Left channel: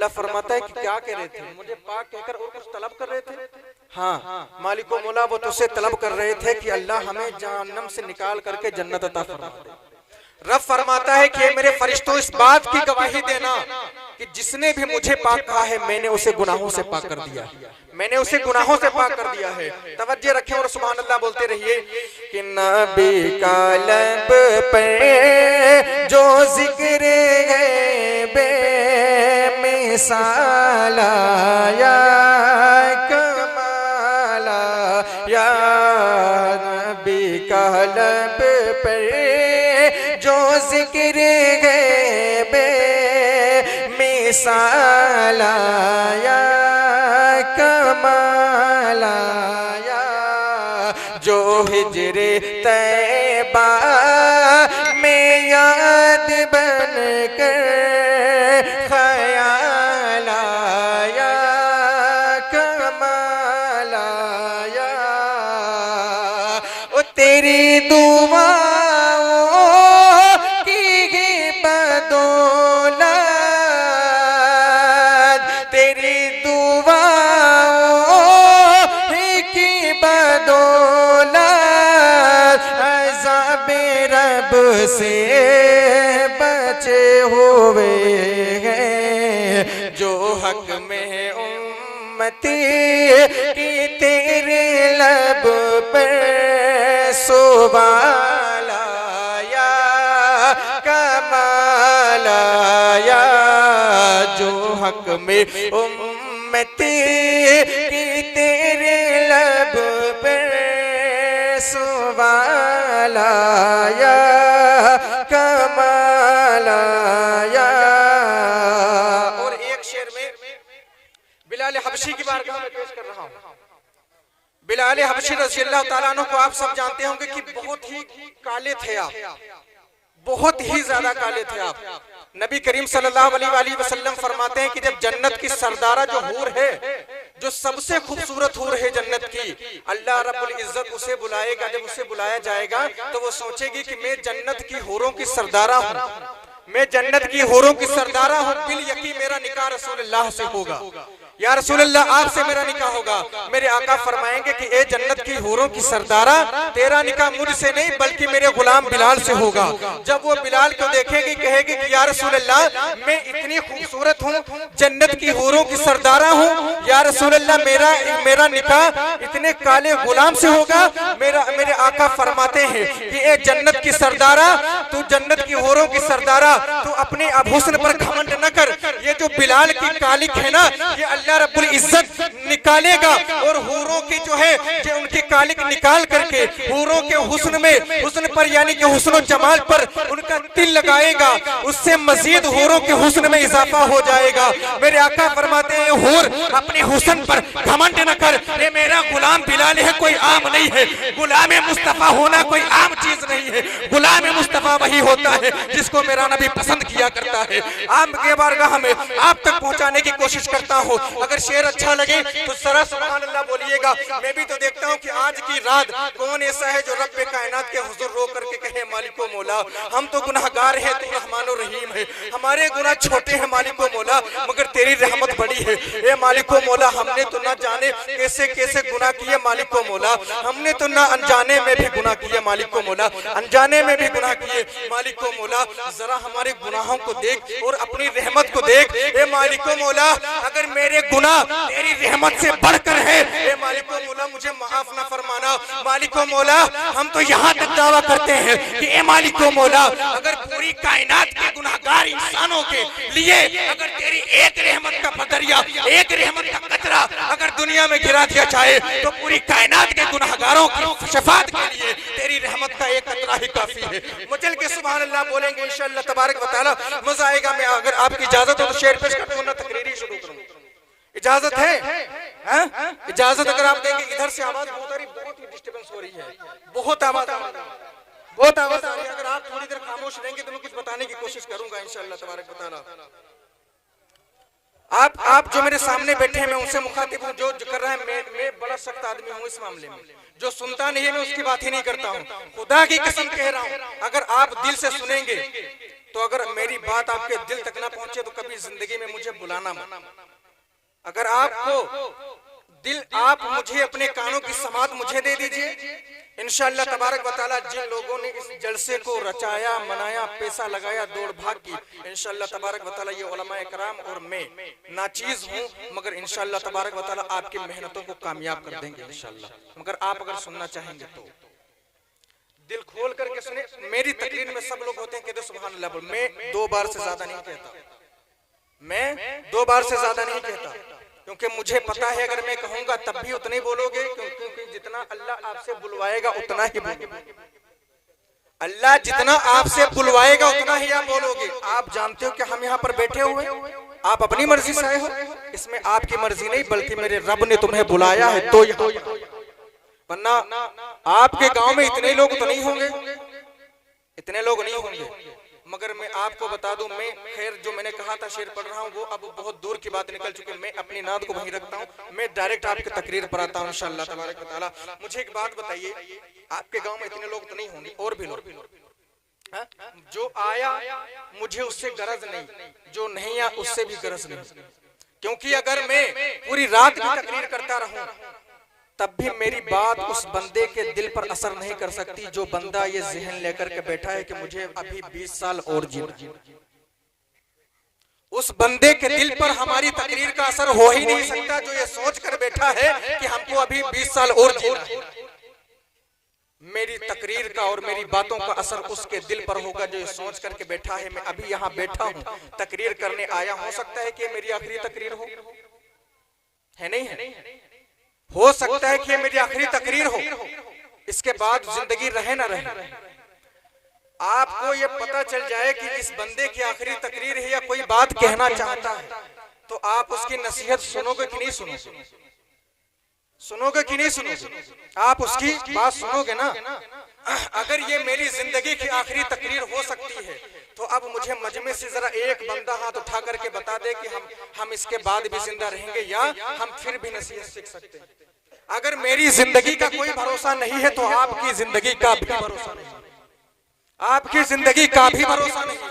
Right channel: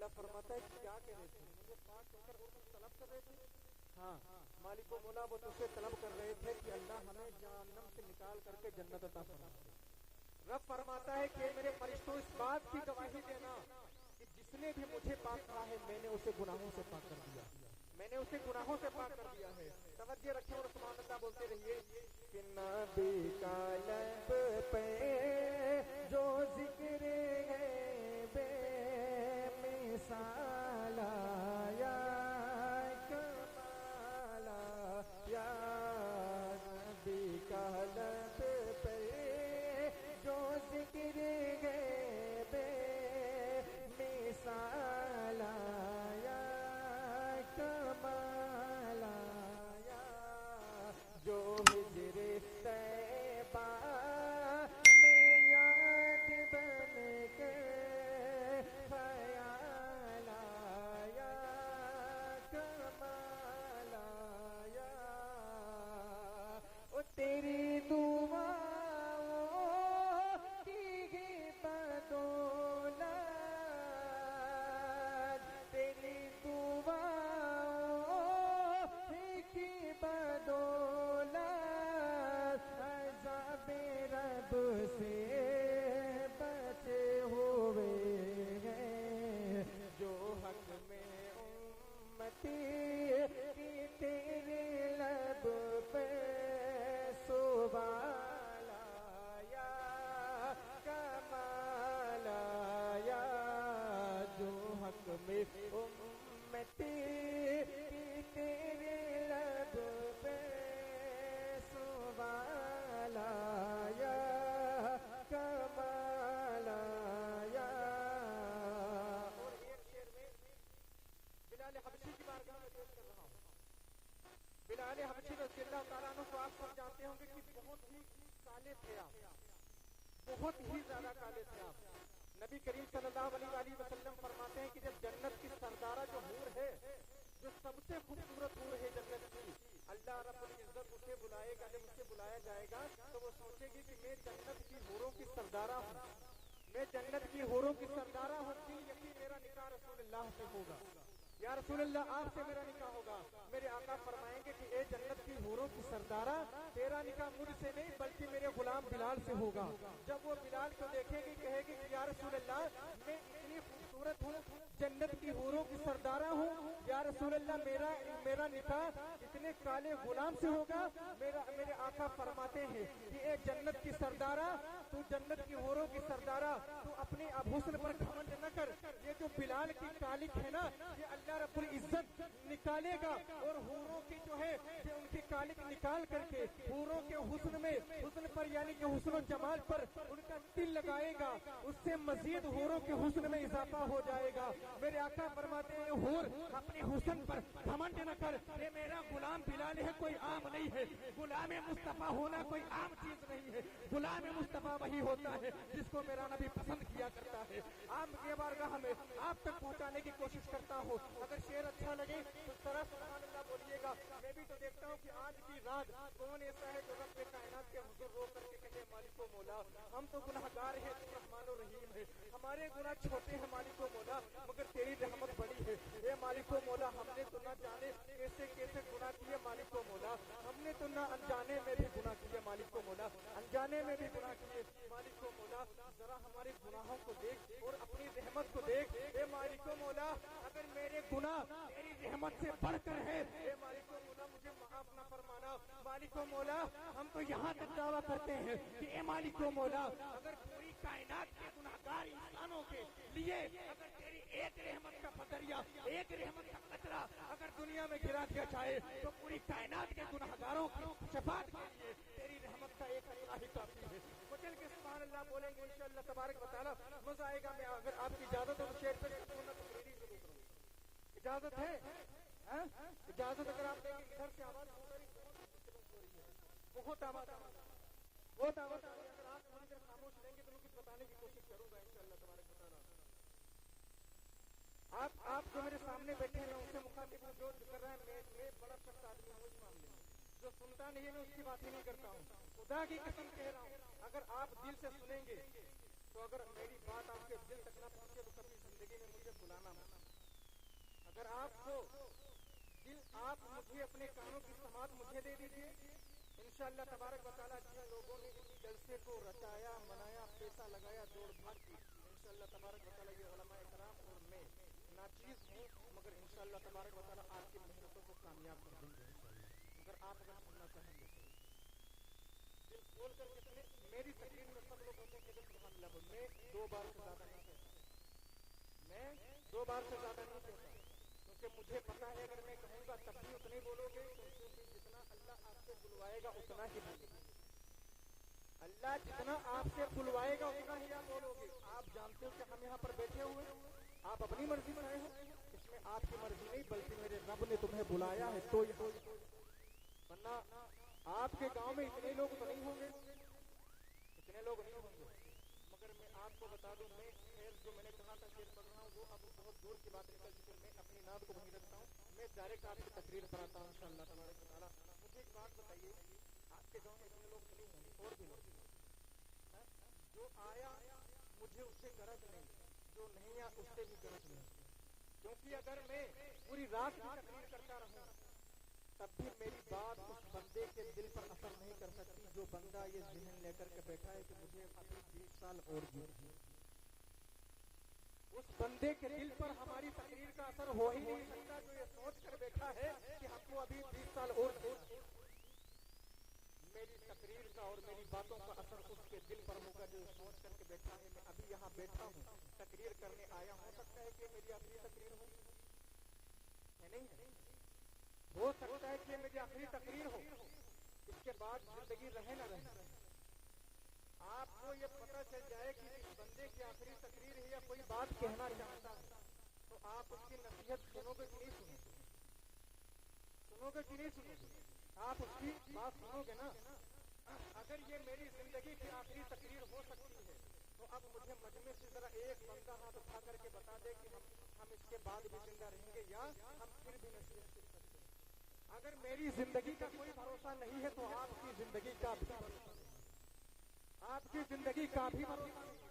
अल्लाह फरमाता है कि क्या कह रहे थे, मुझे पाक कहकर और कुछ तलब कर रहे थे। हाँ, मालिक व मौला वो तुझसे तलब कर रहे थे कि अल्लाह हमें जहन्नम से निकाल करके जन्नत अता फरमा दे। रब फरमाता है कि मेरे फरिश्तों इस बात की गवाही देना कि जिसने भी मुझे पाक कहा है मैंने उसे गुनाहों से पाक कर दिया, मैंने उसे गुनाहों से पाक कर दिया है। तवज्जो रखें और सुभान अल्लाह बोलते रहिए कि नबी का लब पे जो जिक्र है बेमिसाला या कमाला, या नबी का लब पे जो जिक्र है बेमिसाला या कमाला, या जो हिजरे तैबा में याद बन कर ख्याल आया कमाल आया, ओ तेरी दुआओं की बदौलत, तेरी दुआओं की बदौलत अज़ाबे रब से बचे हुए हैं जो हक में उम्मती की तेरे लब पर सुबाल आया कमाल आया, जो हक में उम्मती की तेरे लब पर सुबाल आया कमाल आया। और एक शेर में बिलाल हबशी की बारगाह में पेश कर रहा हूं। बिलाल हबशी रज़ियल्लाहु ताला अन्हु को आप सब जानते होंगे कि बहुत ही काले थे आप, बहुत ही ज्यादा काले थे आप। नबी करीम सल्लल्लाहु अलैहि वसल्लम फरमाते हैं कि जब जन्नत की सरदारा जो हूर है, जो सबसे खूबसूरत हूर है जन्नत की, अल्लाह रब्बुल इज्जत उसे बुलाएगा। जब उसे बुलाया जाएगा तो वो सोचेगी कि मैं जन्नत की हूरों की सरदारा हूँ, मैं जन्नत की हूरों की सरदारा हूँ, बिल यकीन मेरा निकाह रसूलुल्लाह से होगा, या रसूलुल्लाह आपसे मेरा निकाह होगा। मेरे आका फरमाएंगे कि ए जन्नत की हूरों की सरदारा, तेरा निकाह मुझसे नहीं बल्कि मेरे गुलाम बिलाल से होगा। जब वो बिलाल को देखेगी कहेगी कि या रसूलुल्लाह मैं इतनी खूबसूरत हूँ, जन्नत की हूरों की सरदारा हूँ, या रसूलुल्लाह मेरा निकाह इतने काले गुलाम से होगा। मेरे आका फरमाते हैं कि ए जन्नत की सरदारा, तू जन्नत की हूरों की सरदारा, तू अपने हुस्न पर घमंड न कर। ये जो बिलाल की कालिक है ना, ये अल्लाह रब्बुल इज्जत निकालेगा और हूरों की जो है जो उनकी कालिक निकाल करके हूरों के हुस्न में, हुस्न पर यानी कि हुस्न जमाल पर उनका तिल लगाएगा, उससे मजीद हूरों के हुस्न में इजाफा हो जाएगा। मेरे आका फरमाते हैं हूर अपने हुस्न पर घमंड न कर, ये मेरा गुलाम बिलाल है, कोई आम नहीं है। गुलाम मुस्तफा होना कोई आम चीज नहीं है, गुलाम मुस्तफा वही होता है जिसको मेरा नबी पसंद किया करता है। आम के बारगाह में आप तक पहुंचाने की कोशिश करता हूँ। अगर शेर अच्छा लगे तो जरा सुभान अल्लाह बोलिएगा। मैं भी तो देखता हूँ कि आज की रात कौन ऐसा है जो रब्बे कायनात के हुजूर रो करके कहे मालिको मौला हम तो गुनाहगार हैं, तू रहमानो रहीम है, हमारे गुनाह छोटे हैं मालिको मौला मगर तेरी रहमत बड़ी है। ए मालिको मौला हमने तो ना जाने कैसे कैसे गुनाह किए मालिको मौला, हमने तो ना अनजाने में भी गुनाह किए मालिको मौला, अनजाने में भी गुनाह किए मालिको मौला। जरा हमारे गुनाहों को देख और अपनी रहमत को देख। ए मालिको मौला अगर मेरे गुनाह तेरी रहमत से बढ़कर है, ए मालिको मौला मुझे माफ ना फरमाना। मालिको मौला हम तो यहाँ तक दावा करते हैं कि ए मालिको मौला अगर पूरी कायनात के गुनाहगार इंसानों के लिए अगर तेरी एक रहमत का बदरिया, एक रहमत का कतरा अगर दुनिया में गिरा दिया जाए तो पूरी कायनात के गुनाहगारों की शफाअत के लिए तेरी रहमत का एक कतरा ही काफी है। मुझल के सुभान अल्लाह बोलेंगे इंशाअल्लाह तबारक व तआला, मजा आएगा। मैं अगर आपकी इजाजत हो तो शेर पेश कर दूं ना तकरीरी शुरू करूं, इजाजत है? इजाजत अगर आप देंगे। इधर से आवाज बहुत ही डिस्टर्बेंस हो रही है, बहुत आवाज आ रही है। अगर आप थोड़ी देर खामोश रहेंगे तो मैं कुछ बताने की कोशिश करूंगा इंशाअल्लाह तबारक व तआला। आप जो मेरे सामने बैठे हैं मैं उनसे मुखातिब हूँ, जो कर रहा है मैं बड़ा सख्त आदमी हूँ इस मामले में। जो सुनता नहीं है मैं उसकी बात ही नहीं करता हूँ। खुदा की कसम कह रहा हूँ अगर आप दिल से सुनेंगे तो अगर मेरी बात आपके दिल तक ना पहुंचे तो कभी जिंदगी में मुझे बुलाना मत। अगर आपको दिल, आप मुझे अपने कानों की समात मुझे दे दीजिए, इंशाअल्लाह तबारक व तआला जिन लोगों ने इस जलसे को रचाया, मनाया, पैसा लगाया, दौड़ भाग की, इंशाअल्लाह तबारक व तआला ये उलमाए कराम और मैं नाचीज हूँ, मगर इंशाअल्लाह तबारक व तआला आपकी मेहनतों को कामयाब कर देंगे इंशाअल्लाह। मगर आप अगर सुनना चाहेंगे तो दिल खोल करके सुने। मेरी तकरीर में सब लोग होते हैं कहते सुभान अल्लाह बोल, मैं 2 बार से ज्यादा नहीं कहता, मैं 2 बार से ज्यादा नहीं कहता, क्योंकि मुझे पता है अगर मैं कहूंगा तब भी उतना ही बोलोगे, क्योंकि जितना अल्लाह आपसे बुलवाएगा उतना ही बोलोगे। अल्लाह जितना आपसे बुलवाएगा उतना ही आप बोलोगे। आप जानते हो कि हम यहाँ पर बैठे हुए, आप अपनी मर्जी से आए हो, इसमें आपकी मर्जी नहीं बल्कि मेरे रब ने तुम्हें बुलाया है तो यहाँ, वरना आपके गांव में इतने लोग तो नहीं होंगे, इतने लोग नहीं होंगे। मगर मैं आपको बता दूं, मैं खैर जो मैंने कहा था शेर पढ़ रहा हूँ वो अब बहुत दूर की बात निकल चुकी है। मैं अपनी नाद को वहीं रखता हूँ, मैं डायरेक्ट आपकी तकरीर पर आता हूँ इंशाअल्लाह तबारक व तआला। मुझे एक बात बताइए, आपके गांव में इतने लोग तो नहीं होंगे, और भी लोग, जो आया मुझे उससे गरज नहीं, जो नहीं आया उससे भी गरज नहीं, क्योंकि अगर मैं पूरी रात भी तकरीर करता रहूं तब भी मेरी बात उस बंदे के दिल पर असर नहीं कर सकती जो बंदा ये जहन लेकर के बैठा है कि मुझे अभी 20 साल और जीना। उस बंदे के दिल पर हमारी तकरीर का असर हो ही नहीं सकता जो ये सोच कर बैठा है कि हमको अभी 20 साल और जीना है। मेरी तकरीर का और मेरी बातों का असर उसके दिल पर होगा जो ये सोच करके बैठा है मैं अभी यहाँ बैठा हूँ, तकरीर करने आया, हो सकता है कि मेरी आखिरी तकरीर हो, है नहीं है, हो सकता है कि मेरी आखिरी तकरीर हो, इसके बाद जिंदगी रहे ना रहे। आपको ये पता चल जाए कि इस बंदे की आखिरी तकरीर है या कोई बात कहना चाहता है, तो आप उसकी नसीहत सुनोगे कि नहीं सुनोगे, सुनोगे कि नहीं सुनोगे? आप उसकी बात सुनोगे ना। अगर ये मेरी जिंदगी की आखिरी तकरीर हो सकती है तो अब मुझे मजमे से जरा एक बंदा हाथ उठा करके बता दे कि हम इसके बाद भी जिंदा रहेंगे या हम फिर भी नसीहत सीख सकते हैं। अगर मेरी जिंदगी का कोई भरोसा नहीं है तो आपकी जिंदगी का भी भरोसा नहीं, आपकी जिंदगी का भी भरोसा नहीं है।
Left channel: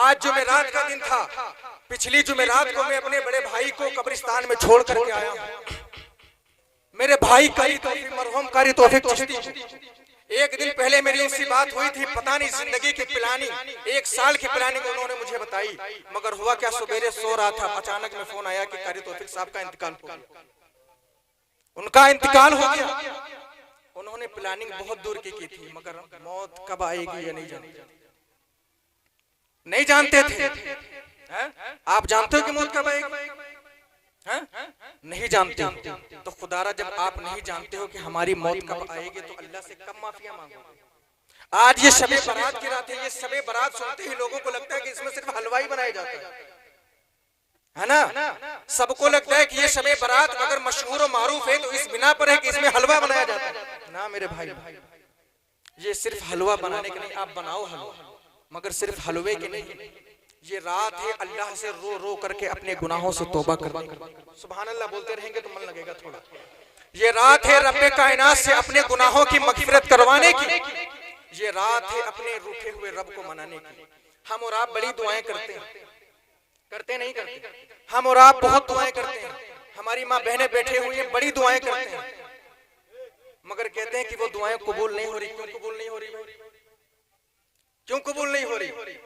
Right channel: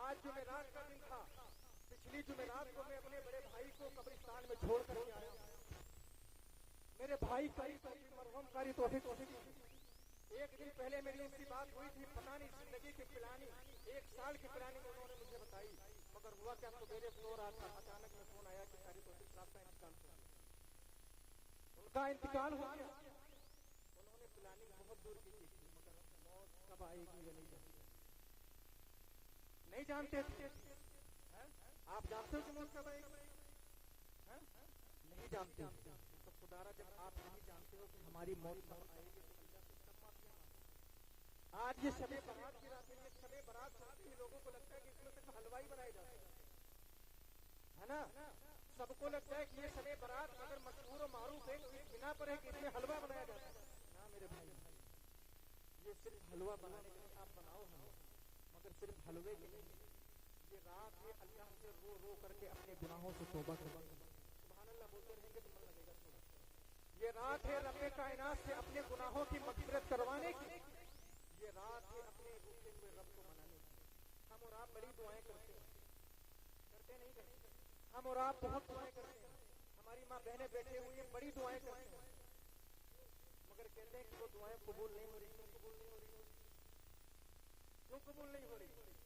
आज जुमेरात का दिन था, पिछली जुमेरात को मैं अपने बड़े भाई को कब्रिस्तान में छोड़ करके आया हूँ। मेरे भाई कारी तौफीक, मरहूम कारी तौफीक चिश्ती, एक दिन पहले मेरी उनसे बात हुई थी, पता नहीं जिंदगी की प्लानिंग, 1 साल की प्लानिंग उन्होंने मुझे बताई। मगर हुआ क्या, सवेरे सो रहा था, अचानक में फोन आया कि कारी तौफीक साहब का इंतकाल हो गया, उनका इंतकाल हो गया। उन्होंने प्लानिंग बहुत दूर की थी, मगर मौत कब आएगी ये नहीं जानते थे। आप जानते हो कि मौत कब आएगी? नहीं जानते हो तो खुदारा जब आप नहीं जानते हो कि हमारी मौत कब आएगी तो अल्लाह से कब माफिया मांगो। आज ये शबे बारात की रात है, ये शबे बारात सुनते ही लोगों को लगता है कि इसमें सिर्फ हलवाई बनाया जाता है ना, सबको लगता है कि ये शबे बारात अगर मशहूर और मारूफ है तो इस बिना पर है कि इसमें हलवा बनाया जाता है ना। मेरे भाई, ये सिर्फ हलवा बनाने के नहीं, आप बनाओ हलवा मगर सिर्फ हलवे के नहीं। ये रात है अल्लाह से रो रो करके अपने गुनाहों से तौबा करने की। सुभान अल्लाह बोलते रहेंगे तो मन लगेगा थोड़ा। ये रात है रब्बे कायनात से अपने गुनाहों की मगफिरत करवाने की। ये रात है अपने रूठे हुए रब को मनाने की। हम और आप बड़ी दुआएं करते हैं, करते नहीं करते? हम और आप बहुत दुआएं करते हैं, हमारी माँ बहनें बैठे हुई हैं बड़ी दुआएं करते हैं, मगर कहते हैं कि वो दुआएं कबूल नहीं हो रही। क्यों कबूल नहीं हो रही? क्यों कबूल नहीं हो रही?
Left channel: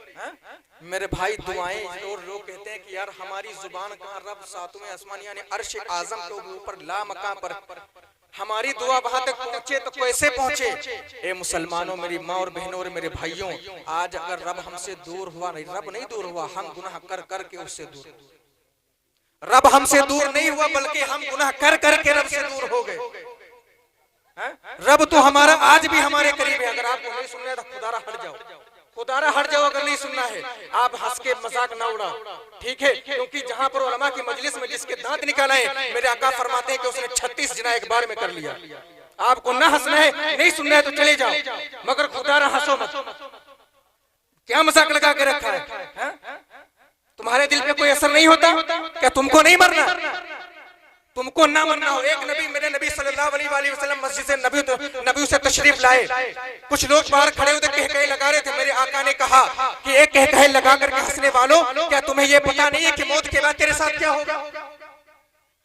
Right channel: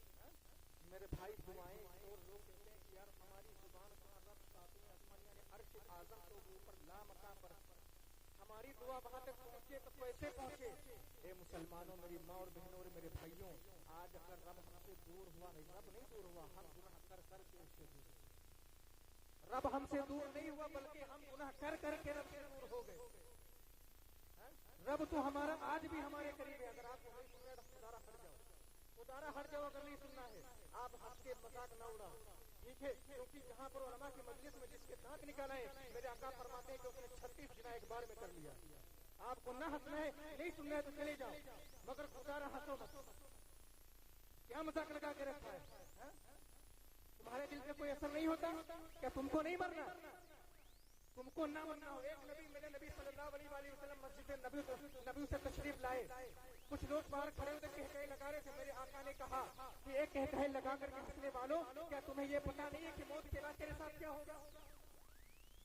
मेरे भाई, दुआएं और लोग कहते हैं कि यार हमारी जुबान कहाँ, रब सातवें आसमान यानी अर्श आजम के ऊपर ला मकां पर हमारी दुआ वहां तक पहुंचे तो कैसे पहुंचे? ए मुसलमानों, मेरी माँ और बहनों और मेरे भाइयों, आज अगर रब हमसे दूर हुआ, नहीं रब नहीं दूर हुआ, हम गुनाह कर करके उससे दूर। रब हमसे दूर नहीं हुआ बल्कि हम गुनाह कर करके रब से दूर हो गए। रब तो हमारा आज भी हमारे करीब है। अगर आपको नहीं सुनना है तो खुदारा हट जाओ, खुदारा हट जाओ। अगर नहीं सुनना है आप हंस के मजाक ना उड़ाओ, ठीक है? क्योंकि जहां पर उलमा की मजलिस में जिसके दांत निकाले हैं, मेरे आका फरमाते हैं कि उसने 36 जिना एक बार में कर लिया। आपको ना हंसना है, नहीं सुनना है तो चले जाओ, मगर खुदारा हंसो मत। क्या मजाक लगा के रखा है? तुम्हारे दिल पे कोई असर नहीं होता क्या? तुमको नहीं मरना? तुमको ना मानना हो। एक नबी, मेरे नबी सल्लल्लाहु अलैहि वसल्लम मस्जिद से नबी से तशरीफ लाए। कुछ लोग बाहर खड़े होकर कहकहे लगा रहे थे। मेरे आका ने कहा कि एक कहकहे लगा करके हंसने वालों, क्या तुम्हें ये पता नहीं है कि मौत के बाद तेरे साथ क्या होगा?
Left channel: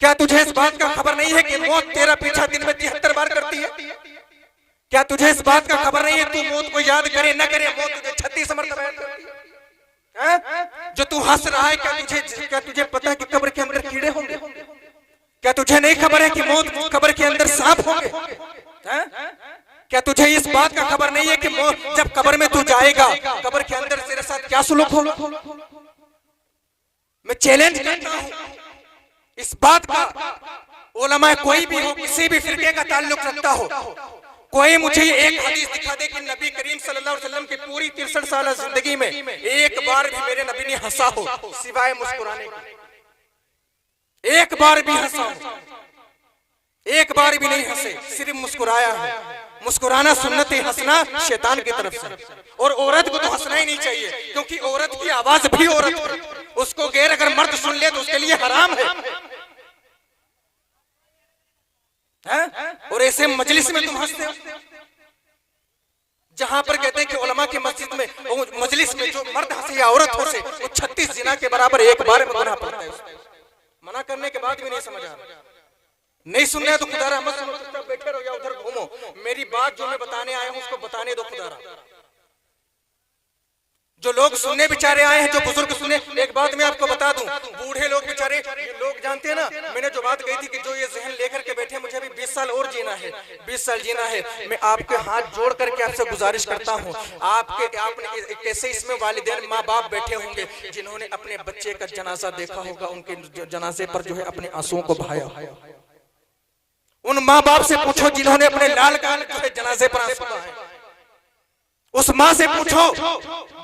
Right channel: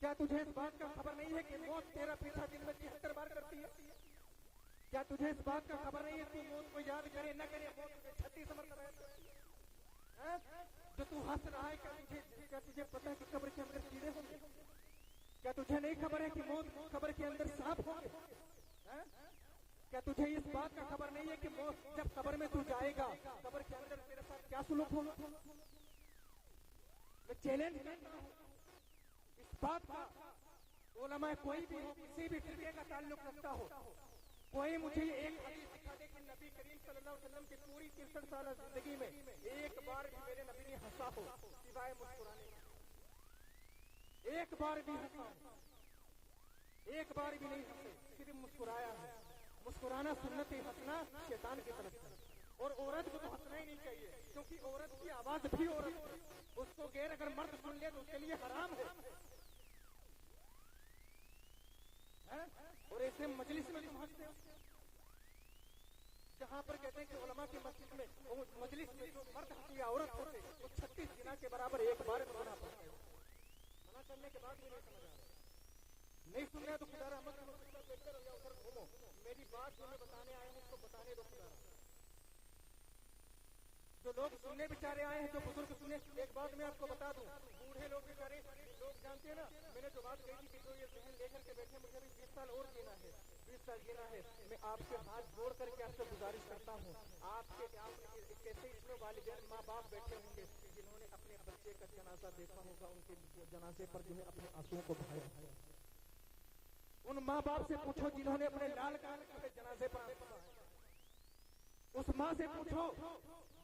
क्या तुझे इस बात का खबर नहीं है कि मौत तेरा पीछा दिन में 73 बार करती है? क्या तुझे इस बात का खबर नहीं है तू मौत को याद करे न करे, मौत तुझे 36 मरतबा याद करती है? जो तू हंस रहा है, क्या तुझे पता है कि कब्र के अंदर कीड़े होंगे? क्या तुझे नहीं खबर है कि मौत कब्र के अंदर सांप होंगे? क्या तुझे इस बात का खबर नहीं है कि मौत जब कब्र में तू जाएगा, कब्र के अंदर तेरे साथ क्या सुलूक होगा? मैं चैलेंज करता हूं इस बात का, उलमा कोई भी हो, किसी भी फिरके का ताल्लुक रखता हो, कोई मुझे एक हदीस दिखा दे कि नबी करीम सल्लल्लाहु अलैहि वसल्लम की पूरी 63 साल जिंदगी में एक बार भी मेरे नबी ने हंसा हो सिवाय मुस्कुराने का। एक बार भी हंसा हो, एक बार भी नहीं हंसे, सिर्फ मुस्कुराया है। मुस्कुराना सुन्नत है, हंसना शैतान की तरफ से। और औरत को तो हंसना ही नहीं चाहिए, क्योंकि औरत की आवाज भी औरत है, उसको गैर अगर मर्द सुन ले तो उसके लिए हराम है। और ऐसे मजलिस में तुम हंसते हो, जहां पर कहते हैं कि उलमा की मस्जिद में मजलिस में जो मर्द हंसे या औरत हंसे वो 36 जिना के बराबर एक बार में गुनाह पड़ता है। मना करने के बाद भी नहीं समझ आ रहा, नहीं सुनना है तो खुदारा मत सुनो, चुपचाप बैठे रहो या उधर घूमो। मेरी बात जो मैं बताने आया हूं उसको बताने दो खुदारा। जो लोग सुनने बेचारे आए हैं, जो बुजुर्ग सुने, एक बात मैं आपको बता दूं, बूढ़े लोग बेचारे, ये लोग जानते हैं ना, मैंने जो बात कही थी कि जो ये जहन लेकर के बैठे मुझे अभी 20 साल और जीना है, 20 साल जीना है, मैं आपके हाथ जोड़ करके आपसे गुजारिश करता हूं, आपने कैसे इसमें वालिदैन माँ बाप बैठे होंगे जिन्होंने अपने बच्चे का जनाजा देखा होगा, उनके जनाजे पर जो है अपने आंसुओं को बहाया। उन माँ बाप से पूछो जिन्होंने अपने लाल का जो है जनाजे पर आंसू बहाए। उस माँ से पूछो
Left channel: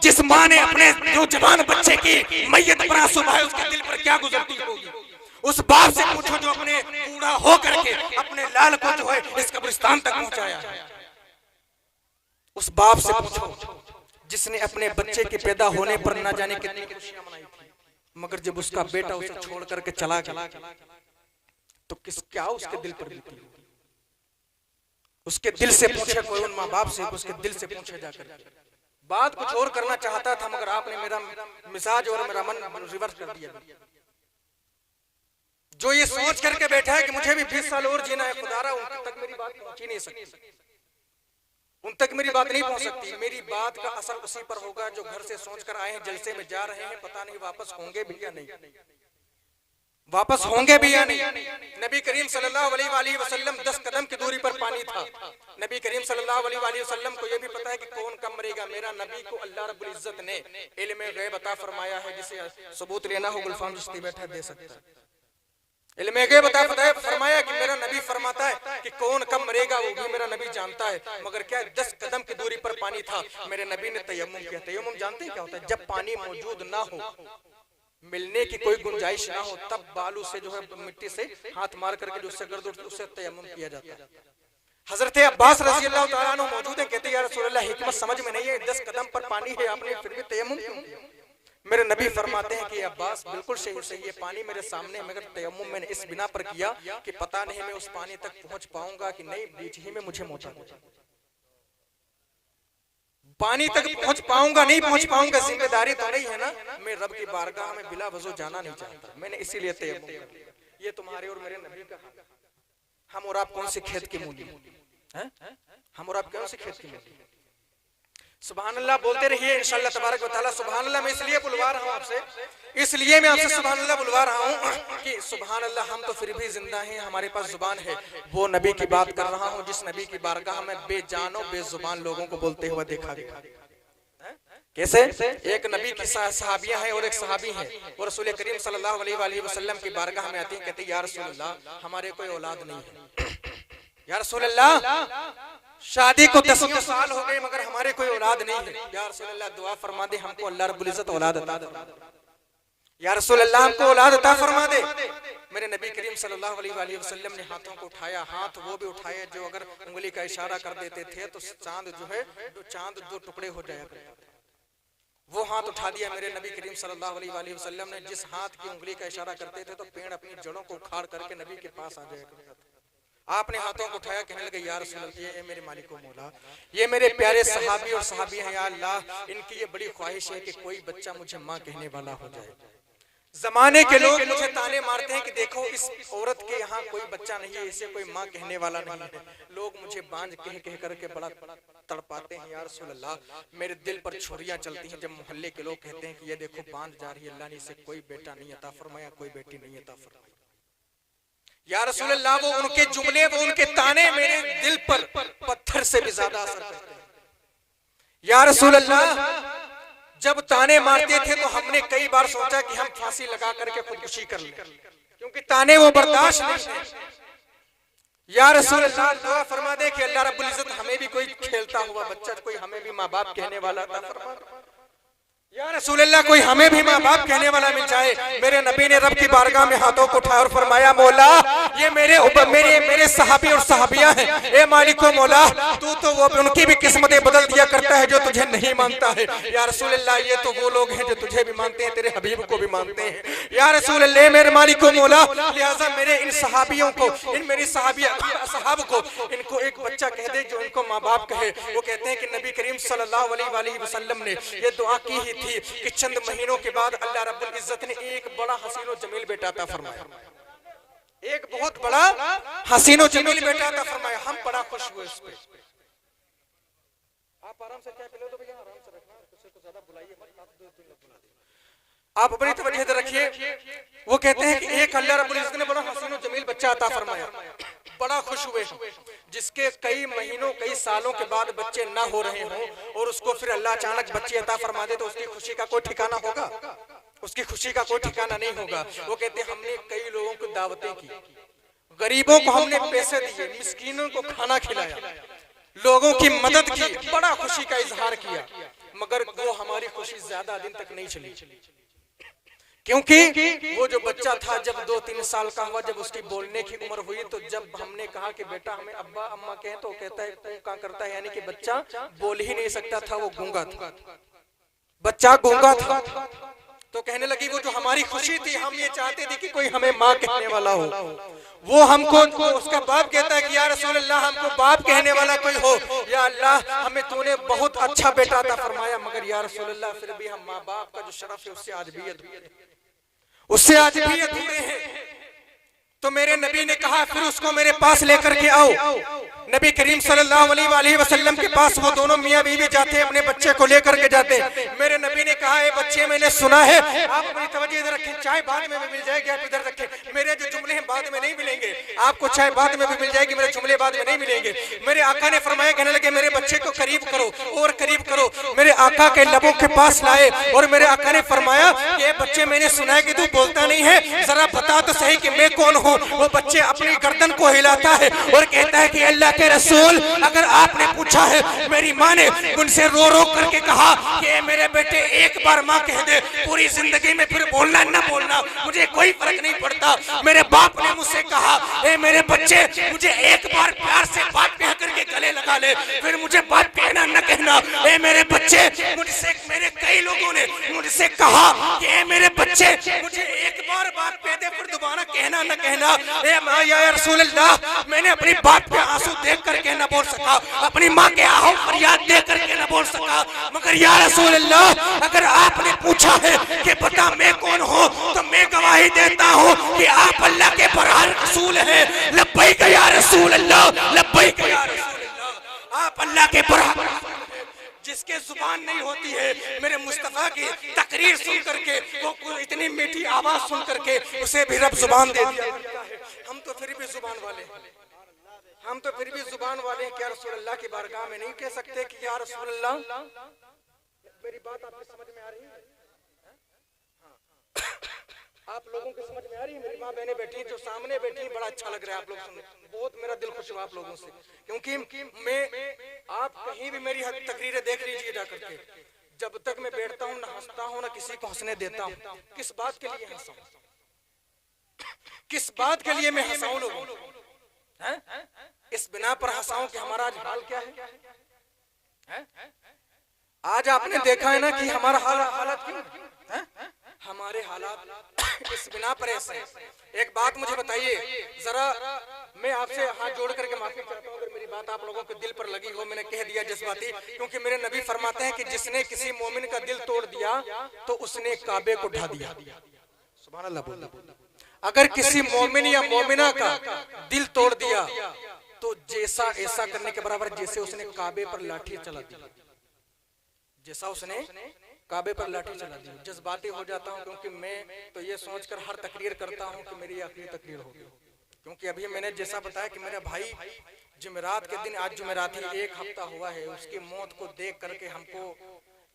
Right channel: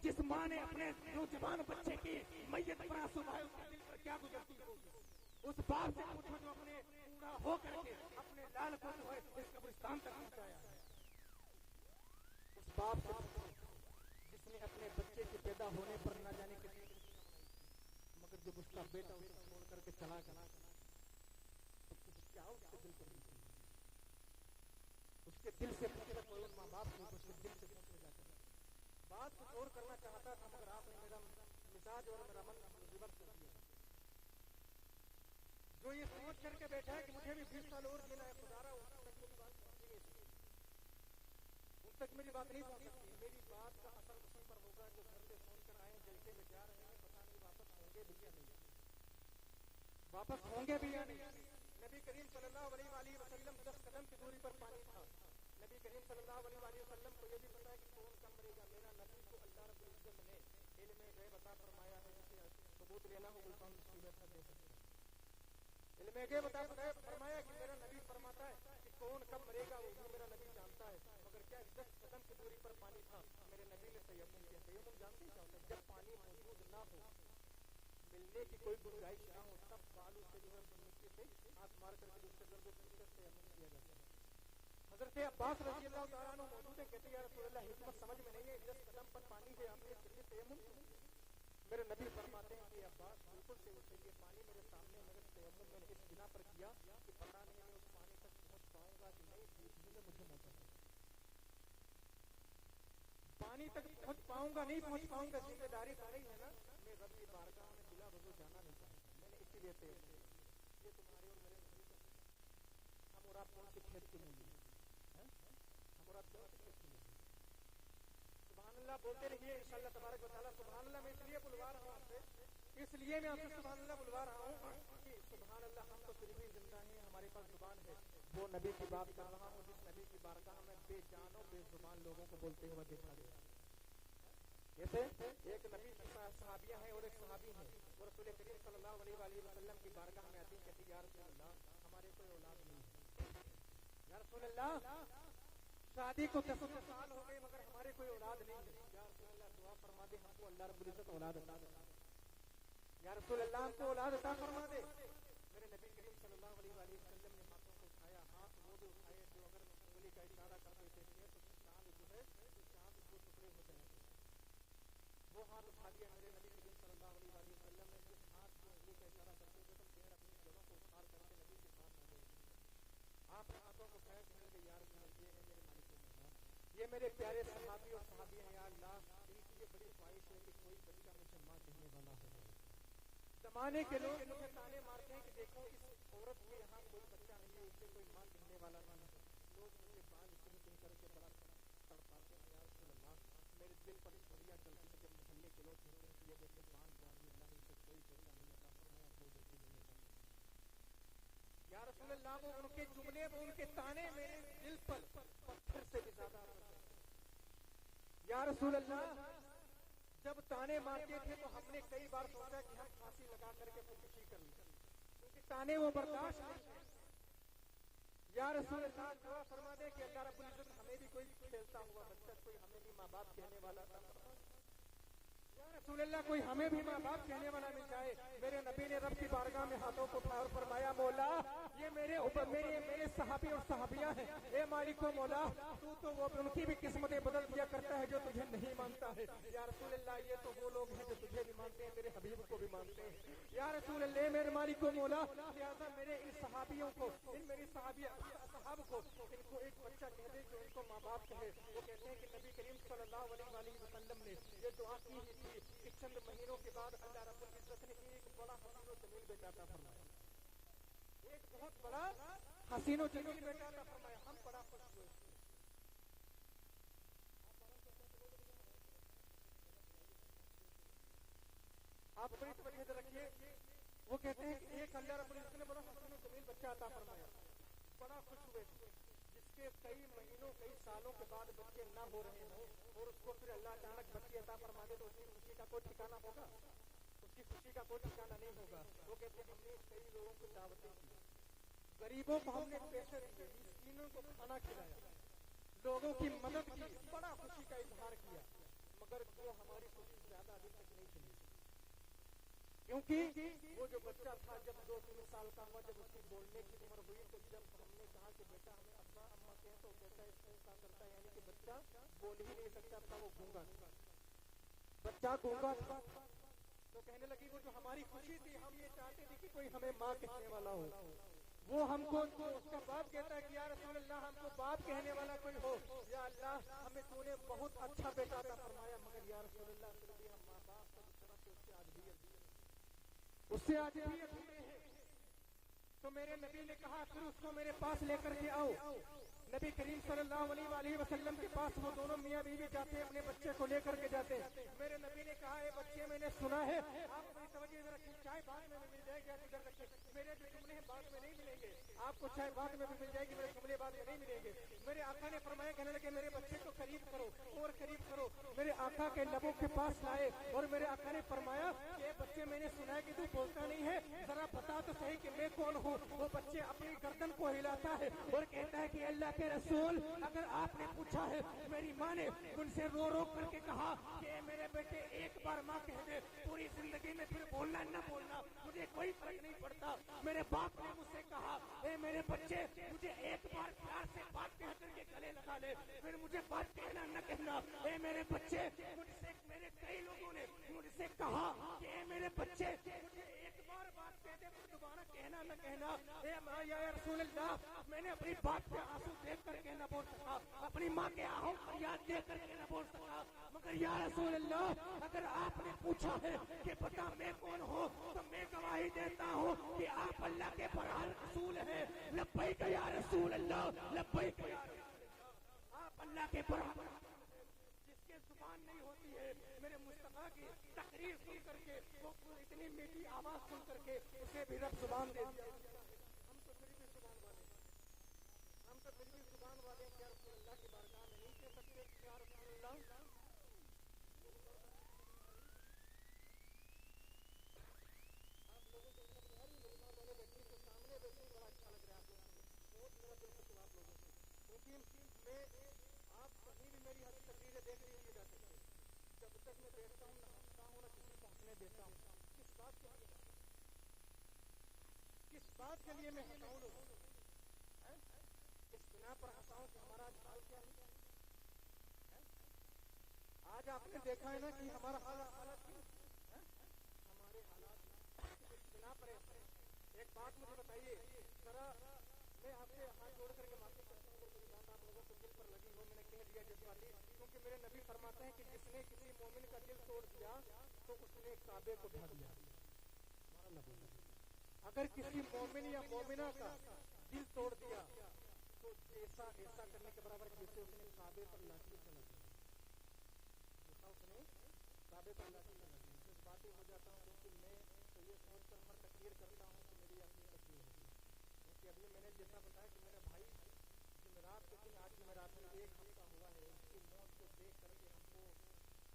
जिस माँ ने अपने जो जवान बच्चे की मैयत पर आंसू बहाए, उसके दिल पर क्या गुजरती होगी। उस बाप से पूछो जो अपने बूढ़ा हो करके अपने लाल को जो है इस कब्रिस्तान तक पहुंचाया। उस बाप से पूछो जिसने अपने बच्चे के पैदा होने पर ना जाने कितनी खुशियां मनाई थी, मगर जब उसका बेटा उसे छोड़ करके चला गया तो क्या उसके दिल पर बीती होगी। उसके दिल से पूछे कोई, उन माँ बाप से उसके दिल से पूछे जाकर। बात कुछ और करना चाहता था मगर आपने मेरा मिजाज और मेरा मन रिवर्स कर दिया। जो ये सोच करके बैठा है कि मुझे भी 20 साल और जीना है, खुदारा उन तक मेरी बात पहुंच ही नहीं सकती, उन तक मेरी बात नहीं पहुंच सकती। मेरी बात का असर उसी पर होगा जो घर से सोच कर आए हैं, जलसे में जा रहे हैं, पता नहीं वापस होंगे भी या नहीं, वापस होंगे भी या नहीं। नबी करीम सल्लल्लाहु अलैहि वसल्लम 10 कदम की दूरी पर पानी था। नबी करीम सल्लल्लाहु अलैहि वसल्लम को यह भी पता है कि कौन कब मरेगा। मेरा नबी को अल्लाह रब्बुल इज्जत ने इल्म गैब अता फरमाया है, जिसे सबूत लेना हो गुलफाम चिश्ती बैठा दे सकता है। इल्म गैब अता फरमाया कि मेरा नबी फरमाता है कि कौन कब मरेगा वो भी मेरा नबी जानता है। मगर क्या 10 कदम की दूरी पर पानी था, मेरे नबी ने तयम्मुम किया। तयम्मुम जानते हैं क्या होता है? जब पानी मौजूद ना हो, मिलने की कोई गुंजाइश ना हो, तब बालू से जो है मिट्टी से हाथ मार करके जो उससे गर्द उठती उससे तयम्मुम किया जाता है। हजरत अब्बास रज़ी अल्लाह तआला अन्हु मौजूद है, कहते हैं या रसूल अल्लाह हिकमत समझ में नहीं है, 10 कदम पर पानी है, आपने फिर भी तयम्मुम क्यों किया? मेरे नबी फरमाते हैं कि अब्बास बिल्कुल सही ये पानी मेरे सामने, मगर तयम्मुम मैंने इस बिना पर किया कि पता नहीं मैं उस पानी तक पहुंच पाऊंगा कि नहीं, बीच ही में मुझे मौत हो जाए। पानी तक पहुंच पाऊंगा नहीं पहुंच पाऊंगा, जिम्मेदारी तो नहीं है ना, मैं रब की बारगाह में बिला वजू जाना नहीं चाहता, मैंने इसीलिए तयम्मुम किया। ये तुम्हारे और मेरे नबी का, हम और आप कौन से खेत की मूली हैं? हम और आप कौन से खेत की मूली? सुभान अल्लाह बोलते रहिए इंशाअल्लाह तबारक व तआला। सुभान अल्लाह मैं इसलिए बुलवा रहा हूं आपसे, इसलिए मैं आपसे सुभान अल्लाह बुलवा रहा हूं कि सुभान अल्लाह हम तो फिर भी जिंदा हैं, हमारे पास जुबान है। वो नबी की बात कर रहा हूं जिस नबी की बारगाह में बेजानो बेजुबान लोगों को बोलते हुए देखा गया। कैसे? एक नबी की सहाबियां हैं और एक सहाबी हैं, और रसूल करीम सल्लल्लाहु अलैहि वसल्लम की बारगाह में आती हैं, कहती या रसूल अल्लाह हमारे कोई औलाद नहीं है, या रसूल अल्लाह शादी को 10 साल हो गए मगर हमारे कोई औलाद नहीं है, या रसूल अल्लाह दुआ फरमा दे हमको अल्लाह रब्बुल इज्जत औलाद अता दे, या रसूल अल्लाह हमको औलाद अता फरमा दे। मेरे नबी करीम सल्लल्लाहु अलैहि वसल्लम ने हाथों को उठाया, हाथ वो भी उठाए जो अगर उंगली का इशारा कर देते थे तो चांद जो है चांद 2 टुकड़े हो जाया करता था। वो हाथ उठा दिया मेरे नबी करीम सल्लल्लाहु अलैहि वसल्लम ने। जिस हाथ की उंगली का इशारा करते थे तो पेड़ अपनी जड़ों को उखाड़ करके नबी के पास आ जाया करता था। आपने हाथों को उठाया, कहने लगे या रसूल अल्लाह, ये मेरे मालिक व मौला, ये मेरे प्यारे सहाबी और सहाबी हैं, या अल्लाह इनकी ये बड़ी ख्वाहिश है कि कोई बच्चा मुझे माँ कहने वाला हो जाए। जमाने के लोग मुझे ताने मारते हैं कि देखो इस औरत के यहाँ कोई बच्चा नहीं है, इसे कोई माँ कहने वाला नहीं है। लोग मुझे बांझ कह कह करके बड़ा तड़पाते हैं। या रसूल अल्लाह, मेरे दिल पर छुरियां चलती हैं जब मोहल्ले के लोग कहते हैं कि ये देखो बांझ जा रही है, अल्लाह ने इसे कोई बेटा नहीं अता फरमाया, कोई बेटी नहीं अता फरमाई। या रसूल अल्लाह, वो उनके जुमले, वो उनके ताने मेरे दिल पर पत्थर से भी ज्यादा असर करते हैं। या रसूल अल्लाह, जब ताने मारते थे तो हमने कई बार सोचा कि हम फांसी लगा करके खुदकुशी कर लें, क्योंकि ताने वो बर्दाश्त नहीं है। या रसूल अल्लाह, दुआ फरमा दे कि अल्लाह रब्बुल इज्जत हमें भी कोई खेलता हुआ बच्चा, कोई हमें भी माँ बाप कहने वाला अता फरमा। या रसूल अल्लाह, कोई हमें भी माँ बाप कहने वाला मिल जाए। मेरे नबी ने रब की बारगाह में हाथों को उठाया और फरमाया, मौला ये मेरे सहाबी और सहाबियां हैं, ए मालिक व मौला, तू तो वो उनकी भी किस्मतें बदल दिया करता है जो तुझे नहीं मानता है। या रसूल अल्लाह, ये तो वो लोग हैं जो तुझे भी मानते हैं, तेरे हबीब को भी मानते हैं। या रसूल अल्लाह, मेरे मालिक व मौला, लिहाजा मेरे इन सहाबियों को, इन मेरी सहाब को, इनको एक बच्चा कह दे जो इनको माँ बाप कहे। वो कहते हैं कि नबी करीम सल्लल्लाहु अलैहि वसल्लम ने ये दुआ की ही थी कि चंद महीनों के बाद अल्लाह रब्बुल इज्जत ने एक बड़ा हसीनो जमील बेटा अता फरमाया, एक बहुत बड़ा हसीनो जमील बेटा अता फरमाया। हम बड़ा खुश हुए इस पे। आप आराम से चाय पी लो तो भैया, आराम से रखना, किसी को ज्यादा बुलाइए मत, आप 2-3 लोग बुला दीजिए। आप अपनी तवज्जो इधर रखिए। वो कहते हैं कि एक अल्लाह रब्बुल इज्जत ने बड़ा हसीनो जमील बच्चा अता फरमाया, बड़ा खुश हुए। जिसके कई महीनों कई सालों के बाद बच्चे ना हो रहे हों और उसको फिर अल्लाह अचानक बच्चे अता फरमा दे तो उसकी खुशी का कोई ठिकाना होगा? उसकी खुशी का कोई ठिकाना नहीं होगा। वो कहते हैं हमने कई लोगों को दावतें की, गरीबों को हमने पैसे दिए, मिस्कीनों को खाना खिलाया, लोगों की मदद की, बड़ा खुशी का इजहार किया, मगर वो हमारी खुशी ज्यादा दिन तक नहीं चली। क्योंकि वो जो बच्चा था जब 2-3 साल का हुआ, जब उसकी बोलने की उम्र हुई, तो जब हमने कहा कि बेटा हमें अब्बा अम्मा कहें, तो कहता है क्या करता है, यानी कि बच्चा बोल ही नहीं सकता था, वो गूंगा था, बच्चा गूंगा था। तो कहने लगी वो जो हमारी खुशी थी, हम ये चाहते थे कि कोई हमें माँ कहने वाला हो। वो हमको, उसका बाप कहता है कि या रसूल अल्लाह, हमको बाप कहने वाला कोई हो। या अल्लाह, हमें तूने बहुत अच्छा बेटा अता फरमाया, मगर या रसूल अल्लाह फिर भी हम माँ बाप का जो शरफ है उससे आज भी अधूरे हैं। तो मेरे नबी ने कहा फिर उसको मेरे पास लेकर के आओ। नबी करीम सल्लल्लाहु अलैहि वसल्लम के पास वो दोनों मियाँ बीवी जाते हैं, अपने बच्चे को लेकर के जाते हैं। मेरे नबी ने कहा, ए बच्चे, मैंने सुना है, आप अपनी तवज्जो इधर रखें, चाय बाद में भी मिल जाएगी, आप इधर रखें। मेरे जो जुमले हैं बाद में नहीं मिलेंगे, आपको चाय बाद में भी मिल जाएगी, मेरे जुमले बाद में नहीं मिलेंगे। मेरे आका ने फरमाया, कहने लगे मेरे बच्चे को करीब करो और करीब करो। मेरे आका के लबों के पास लाए और मेरे आका ने फरमाया कि बच्चे, मैंने सुना है कि तू बोलता नहीं है, जरा बता तो सही कि मैं कौन हूँ। वो बच्चे अपनी गर्दन को हिलाता है और कहता है कि अल्लाह के रसूल, अगर आपने पूछा है, मेरी माँ ने मुझसे रो रो करके कहा कि मेरे बेटे एक बार माँ कह दे, पूरी जिंदगी में फिर बोलना न बोलना मुझे कोई फर्क नहीं पड़ता। मेरे बाप ने मुझसे कहा, ए मेरे बच्चे, मुझे एक बार प्यार से बात कह करके गले लगा ले, फिर मुझे बात कहना न कहना। ए मेरे बच्चे, मुझसे मेरे कई लोगों ने मुझसे कहा कि ए मेरे बच्चे, मुझे एक बार बात कह दे, फिर दोबारा कहना न कहना। या रसूल अल्लाह, मैंने अपनी बाप के आंसू देख करके न बोल सका, अपनी माँ के आहो फरियाद देख करके न बोल सका, मगर या रसूल अल्लाह, अगर आपने पूछा है कि बता मैं कौन हूँ, तो मैं गवाही देता हूँ कि आप अल्लाह के बरहार रसूल हैं। लब्बैक या रसूल अल्लाह, लब्बैक या रसूल अल्लाह, आप अल्लाह के बरहार। जिसके जुबान नहीं होती है, मेरे मुस्तफा की तकरीर सुन करके, वो इतनी मीठी आवाज सुन करके उसे भी रब जुबान दे दिया। हम तो फिर भी जुबान वाले हैं, हम तो फिर भी जुबान वाले हैं। क्या रसूल अल्लाह की बारगाह में नहीं कह सकते कि या रसूल अल्लाह? मेरी बात आपको समझ में आ रही है? आप लोगों को समझ में आ रही है? मेरी माँ बहनें बैठी जो सामने बैठी, बड़ा अच्छा लग रहा है आप लोग सुन, बहुत मेरा दिल खुश हुआ आप लोगों से, क्योंकि मैं, आप कहीं भी मेरी तकरीरें देख लीजिए जा करके, जब तक मैं बैठता हूँ ना हंसता हूँ ना किसी को हंसने देता हूँ। किस बात के लिए हंसाऊं? किस बात के लिए मैं हंसाऊं लोगों? इस बिना पर हंसाऊं कि हमारा आज हाल क्या है? आज आपने देखा है ना कि हमारा हालत क्यों है? हमारे हालात इस बिना पर ऐसे हैं। एक बात मुझे बताइए जरा, मैं आपसे हाथ जोड़ करके माफी चाहता हूँ अगर मेरी बात आप लोगों के दिल पर लगी हो, मैंने कह दिया जज्बाती, क्योंकि मेरे नबी फरमाते हैं कि जिसने किसी मोमिन का दिल तोड़ दिया तो उसने काबे को ढा दिया। सुभान अल्लाह बोल। अगर किसी मोमिन या मोमिना का दिल तोड़ दिया तो जैसा ऐसा करने के बराबर जैसे उसने काबे पर लाठी चला दी, जैसा उसने काबे पर लाठी चला दी। जज्बाती हो जाता हूँ क्योंकि मैं तो ये सोचकर हर तकरीर करता हूँ कि मेरी आखिरी तकरीर होगी, क्योंकि अभी मैंने जैसा बताया कि मेरा भाई जुमेरात के दिन, आज जुमेरात ही 1 हफ्ता हुआ है, उसकी मौत को देख करके हमको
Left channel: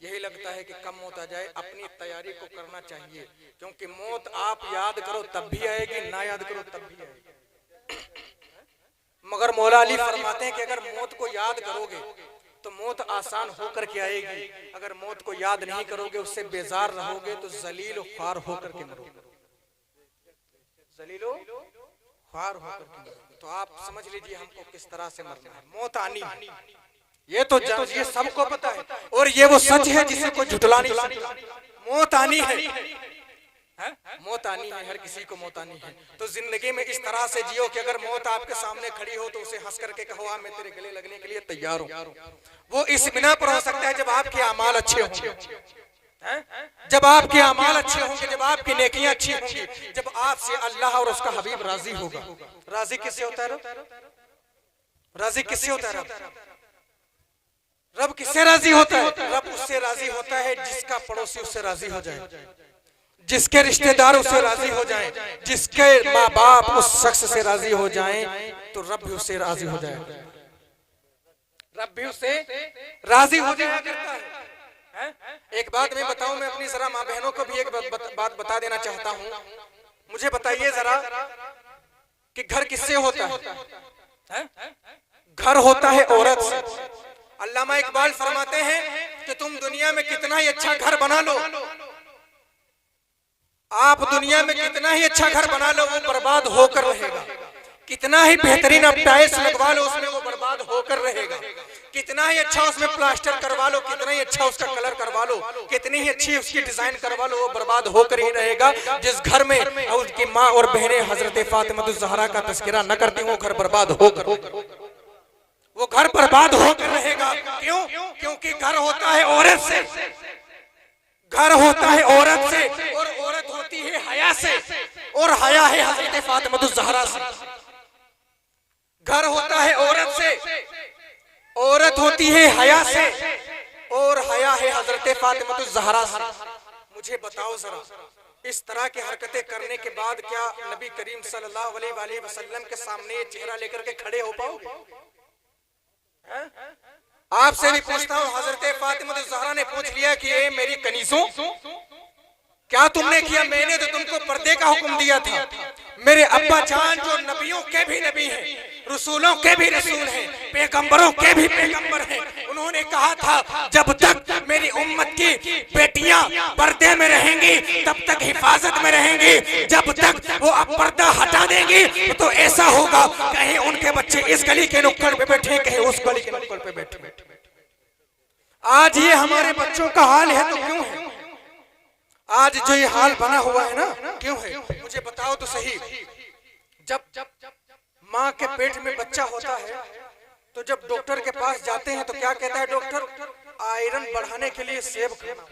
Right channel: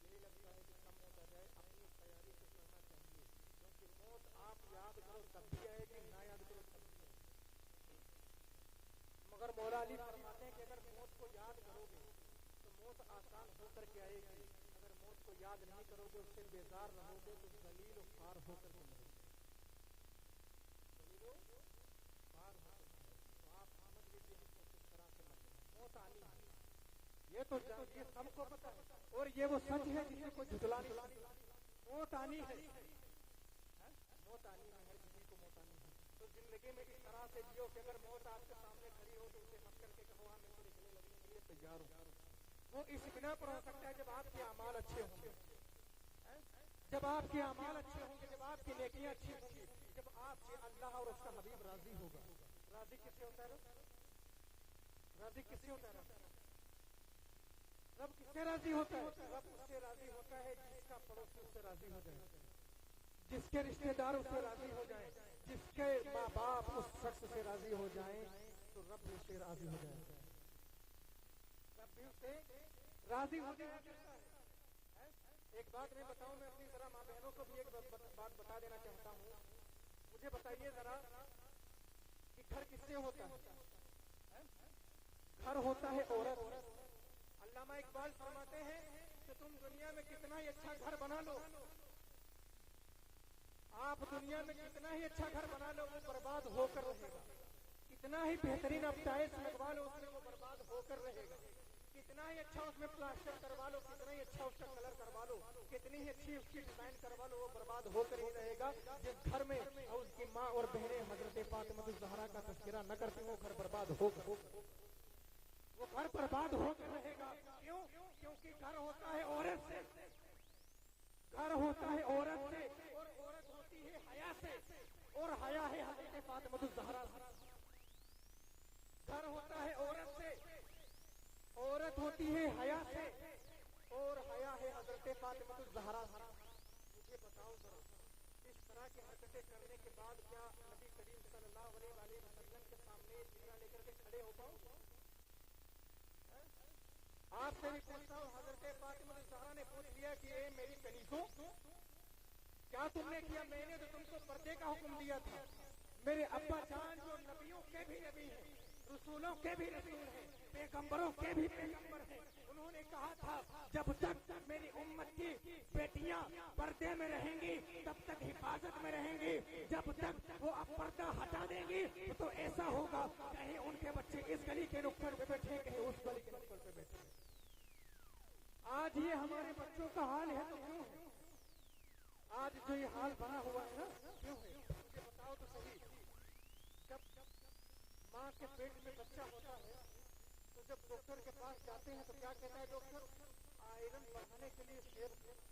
यही लगता है कि कम मौत आ जाए। अपनी तैयारी को करना चाहिए, क्योंकि मौत आप याद करो तब भी आएगी, ना याद करो तब भी आएगी। मगर मौला अली फरमाते हैं कि अगर मौत को याद करोगे तो मौत आसान होकर के आएगी, अगर मौत को याद नहीं करोगे, उससे बेजार रहोगे तो जलील ख्वार होकर के मरोगे, जलील ख्वार होकर के मरोगे। तो आप समझ लीजिए हमको किस तरह से मरना है। मौत आनी है, ये तो ये सबको पता है, और ये वो सच है जिसे कोई झुठला नहीं सकता। मौत आनी है, मौत आनी है, हर किसी को मौत आनी है। तो जिंदगी में इस तरह से जियो कि अगर मौत आपके सामने खड़ी हो तो उसे हंस करके कहो मैं तेरे गले लगने के लिए तैयार हूँ। वो इस बिना पर हो सकता है जब आपके अमाल अच्छे होंगे, जब आपके अमाल अच्छे होंगे, जब आपकी नेकियां अच्छी होंगी, जब आपसे अल्लाह और उसका हबीब राजी होगा। राजी किससे होता है? राजी किससे होता है? रब किससे राजी होता है? रब उससे राजी होता है जिसका पड़ोसी उससे राजी हो जाए, जिसके रिश्तेदार उससे राजी हो जाएं, जिसके माँ बाप उस शख्स से राजी हो जाएं, तो रब भी उससे राजी हो जाए, रब भी उससे राजी हो जाया करता है। एक बात मैं बताऊं, मैं अपनी जरा माँ बहनों को भी एक बात बता देना चाहता हूं। मुझे बताइए जरा कि घर किससे होता है? घर होता है औरत से। अल्लामा इकबाल फरमाते हैं कि तुम दुनिया में कितना ही अच्छा घर बना लो, आप दुनिया में कितना ही अच्छा घर बना लो वो बर्बाद होकर रहेगा। कितना ही बेहतरीन आप टाइल्स लगवा लो उसमें वो बर्बाद होकर रहेगा। कितना ही अच्छा उसमें प्लास्टर करवा लो, कितना ही अच्छा उसका कलर करवा लो, कितनी ही अच्छी उसकी डिजाइन करवा लो, वो बर्बाद होकर ही रहेगा। जिस घर में उसकी माँ और बहनें हजरत फातिमा ज़हरा का तस्करा न करती वो घर बर्बाद होकर, वो घर बर्बाद होकर रहेगा। क्यों? क्योंकि घर होता है औरत से, घर होता है औरत से, और औरत होती है हया से, और हया है हजरत फातिमा ज़हरा से। घर होता है औरत से, औरत होती है हया से, और हया है हजरत फातिमा ज़हरा से। मुझे बताओ जरा, इस तरह की हरकतें करने के बाद क्या नबी करीम सल्लल्लाहु अलैहि वसल्लम के सामने ये चेहरा लेकर के खड़े हो पाओगे? आपसे भी पूछता हूँ, हजरत फातिमा ज़हरा ने पूछ लिया कि ये मेरी कनीज़ों क्या तुमने किया? मैंने तो तुमको पर्दे का हुक्म दिया था। मेरे अब्बा जान जो नबियों के भी नबी हैं, रसूलों के भी रसूल हैं, पैगंबरों के भी पैगंबर हैं, उन्होंने कहा था जब तक मेरी उम्मत की बेटियां पर्दे में रहेंगी तब तक हिफाजत में रहेंगी, जब तक वो अब पर्दा हटा देंगी तो ऐसा होगा कहीं उनके बच्चे इस गली के नुक्कड़ पे बैठे, कहीं उस गली के नुक्कड़ पे बैठे। आज ये हमारे बच्चों का हाल है तो क्यों है? आज जो ये हाल बना हुआ है ना, क्यों है? मुझे बताओ तो सही। जब माँ के पेट में बच्चा होता है तो जब डॉक्टर के पास जाते हैं तो क्या कहता है डॉक्टर? आयरन बढ़ाने के लिए सेब खाना,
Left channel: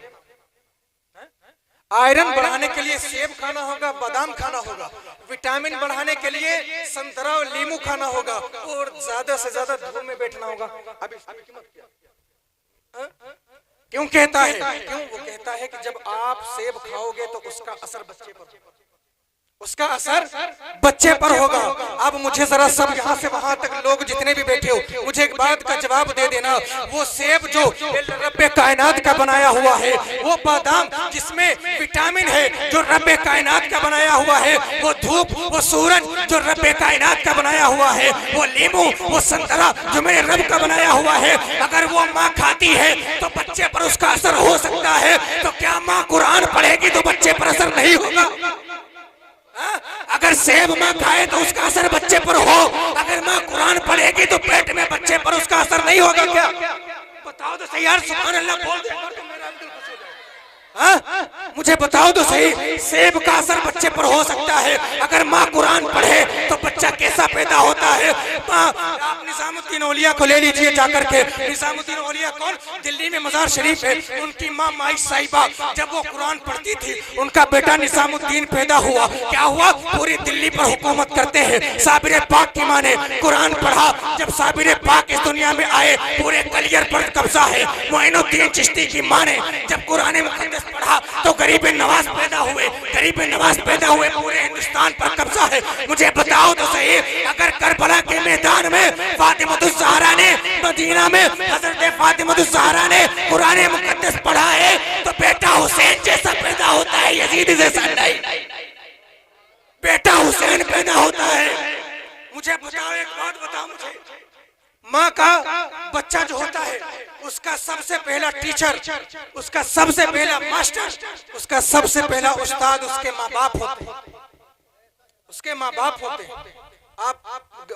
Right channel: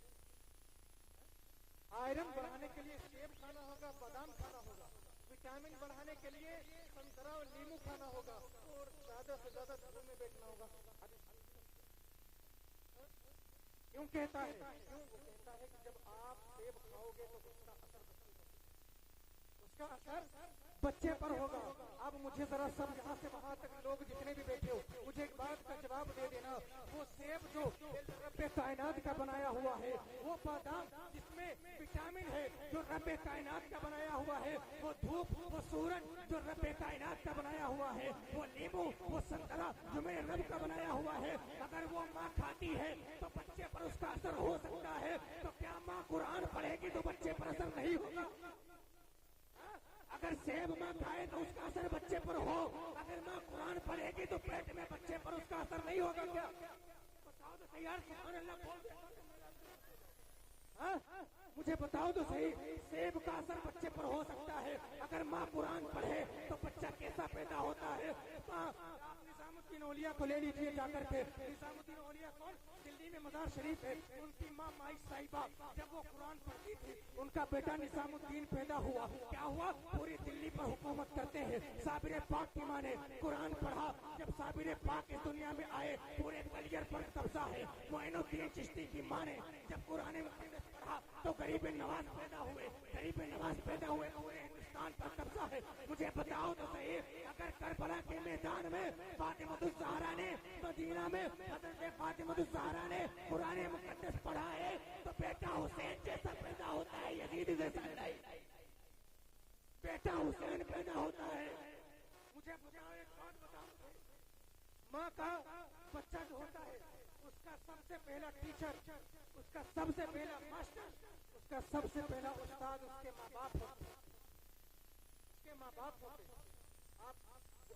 आयरन बढ़ाने के लिए सेब खाना होगा, बादाम खाना होगा, विटामिन बढ़ाने के लिए संतरा और नींबू खाना होगा, और ज्यादा से ज्यादा धूप में बैठना होगा। अभी क्यों कहता है? क्यों? वो कहता है कि जब आप सेब खाओगे तो उसका असर बच्चे पर, उसका असर बच्चे पर होगा। अब मुझे जरा सब यहाँ से वहां तक लोग जितने भी बैठे हो, मुझे एक बात का जवाब दे देना। वो सेब जो रब्बे कायनात का बनाया हुआ है, वो बादाम जिसमें विटामिन है जो रब्बे कायनात का बनाया हुआ है, वो धूप, वो सूरज जो रब्बे कायनात का बनाया हुआ है, वो नींबू, वो संतरा जो मेरे रब का बनाया हुआ है, अगर वो माँ खाती है तो बच्चे पर उसका असर हो सकता है, तो क्या माँ कुरान पढ़ेगी तो बच्चे पर असर नहीं होगा? अगर सेब माँ खाए तो उसका असर बच्चे पर हो, अगर माँ कुरान पढ़ेगी तो पेट में बच्चे पर उसका असर नहीं होगा क्या? बताओ तो सही यार, सुभान अल्लाह बोल दे तो मेरा दिल खुश हो जाए। हाँ? मुझे बताओ तो सही, सेब का असर बच्चे पर हो सकता है अगर माँ कुरान पढ़े तो बच्चा कैसा पैदा होता है। आप निजामुद्दीन औलिया को ले लीजिए जाकर के। निजामुद्दीन औलिया कौन? दिल्ली में मजार शरीफ है, उनकी माँ माई साहिबा जब वो कुरान पढ़ती थी, उनका बेटा निजामुद्दीन पैदा हुआ। क्या हुआ? पूरी दिल्ली पर हुकूमत करते हैं। साबिर पाक की माँ ने कुरान पढ़ा, जब साबिर पाक इस दुनिया में आए पूरे कलियर पर कब्जा है। मोइनुद्दीन चिश्ती की माँ ने जब कुरान मुक़द्दस पढ़ा तो गरीब नवाज पैदा हुए। गरीब नवाज पैदा हुए, पूरे हिंदुस्तान पर कब्जा है। मुझे बताओ तो सही, अगर करबला के मैदान में फातिमतुज़ ज़हरा ने, मदीना में हजरत फातिमतुज़ ज़हरा ने कुरान मुक़द्दस पढ़ा है तो बेटा हुसैन जैसा पैदा होता है, यजीद जैसा नहीं। बेटा हुसैन पैदा होता है। मुझे बताओ, एक बात बताओ मुझे, माँ का बच्चा जो होता है उसका सबसे पहला टीचर, उसका सबसे पहला मास्टर, उसका सबसे पहला उस्ताद उसके माँ बाप होते हैं। उसके माँ बाप होते हैं।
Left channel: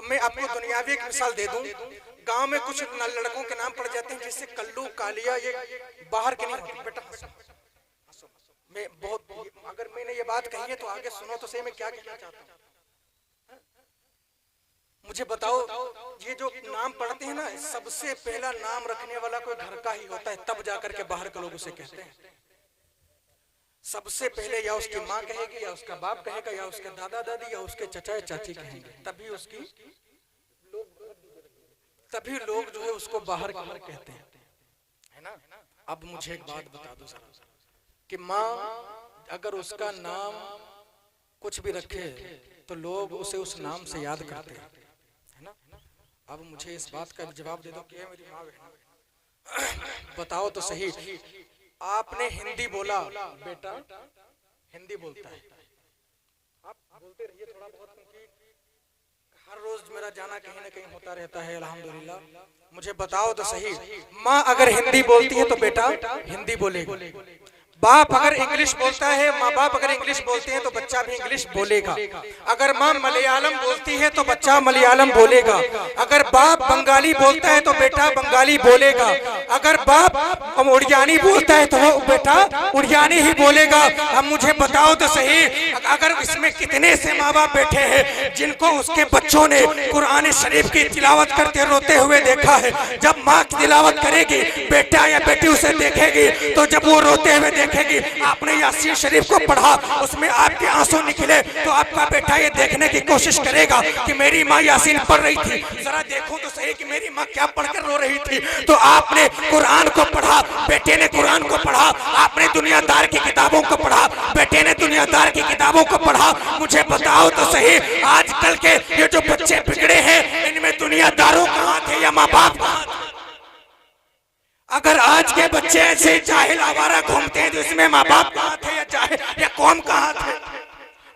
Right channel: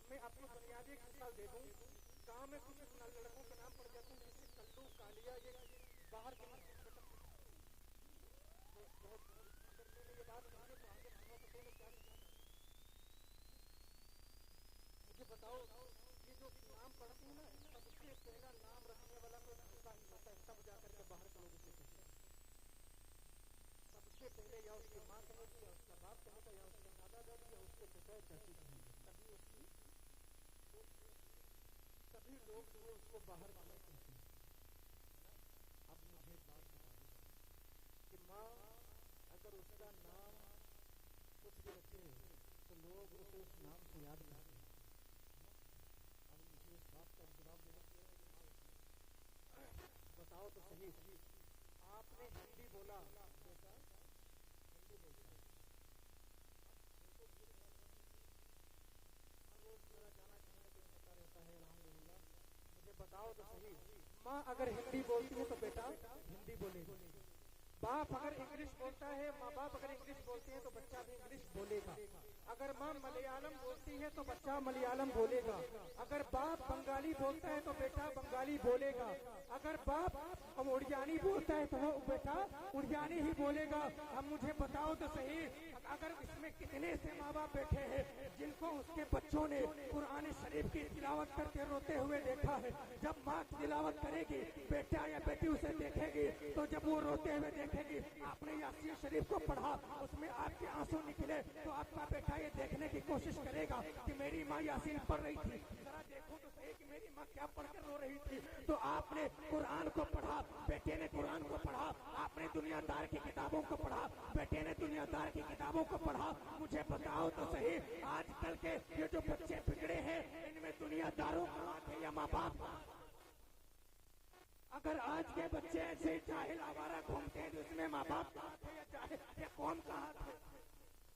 मैं आपको दुनियावी एक मिसाल दे दूं। गांव में कुछ लड़कों के नाम पड़ जाते हैं जैसे कल्लू, कालिया, ये बाहर के नहीं होते। बेटा मैं बहुत, अगर मैंने ये बात कही है तो आगे सुनो तो सही मैं क्या कहना चाहता हूँ। मुझे बताओ, ये जो नाम पढ़ते हैं ना, सबसे पहला नाम रखने वाला कोई घर का ही होता है, तब जाकर के बाहर के लोग उसे कहते हैं। सबसे पहले या उसकी माँ कहेगी, या उसका बाप कहेगा, या उसके दादा दादी, या उसके चचा चाची कहेंगे, तभी उसकी तभी लोग जो है उसको बाहर कहते हैं, है ना। अब मुझे एक बात बता दो सर, कि माँ अगर उसका नाम कुछ भी रखे तो लोग उसे उस नाम से याद करते हैं, है ना। अब मुझे इस बात का जवाब दे दो कि मेरी माँ बहन, बताओ तो सही, आपने हिंदी बोला, बेटा हिंदी बोलता है, आप बोलते रहिए थोड़ा बहुत, क्योंकि हर रोज मेरा जाना कहीं ना कहीं होता रहता है अल्हम्दुलिल्लाह। मुझे बताओ तो सही, माँ अगर हिंदी बोलती है तो बेटा हिंदी बोलेगा। बाप अगर इंग्लिश बोलता है, माँ बाप अगर इंग्लिश बोलते हैं तो बच्चा भी इंग्लिश बोलेगा। अगर माँ मलयालम बोलती है तो बच्चा मलयालम बोलेगा। अगर बाप बंगाली बोलता है तो बेटा बंगाली बोलेगा। अगर बाप उड़ियानी बोलता है तो वो बेटा उड़ियानी ही बोलेगा। अब मुझे बताओ तो सही, अगर इसमें कितने से माँ बाप बैठे हैं जिनको उसके बच्चों ने कुरान शरीफ की तिलावत करते रोते हुए देखा है। जब माँ की तिलावत करेगी, बेटा या बेटी उसे देखेगी, तो जब वो रोते हुए देखेगी, आपने यासीन शरीफ को पढ़ा, उसमें आपके आंसू निकले, तो आपका बेटा ये देखने की कोशिश करेगा कि मेरी माँ यासीन पढ़ रही थी, जरा देखो तो सही कि मेरी माँ क्या पढ़कर रो रही थी। तो आपने कुरान को पढ़ा, बेटे ने कुरान को पढ़ा, आपने दुनियादार की किताबों को पढ़ा, बेटे ने दुनियादार की किताबों को पढ़ा। मुझे बताओ तो सही, आजकल के ये जो बच्चे बिगड़े हैं, इनमें दुनियादारों का हाथ है या माँ बाप का हाथ? अगर आज के बच्चे ऐसे जाहिल आवारा घूमते हैं तो इसमें माँ बाप का हाथ है या जाहिल या कौम का हाथ है?